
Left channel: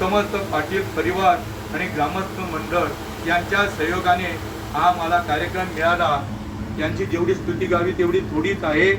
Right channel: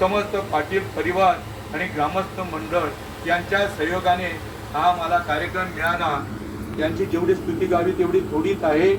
समस्त पाटील परिवार आणि ग्रामस्थ मंडळ यांच्या सहयोगाने हा मला कार्यक्रम मिळाला. यांची जेवढी स्तुती गावी तेवढी थोडीच आहे.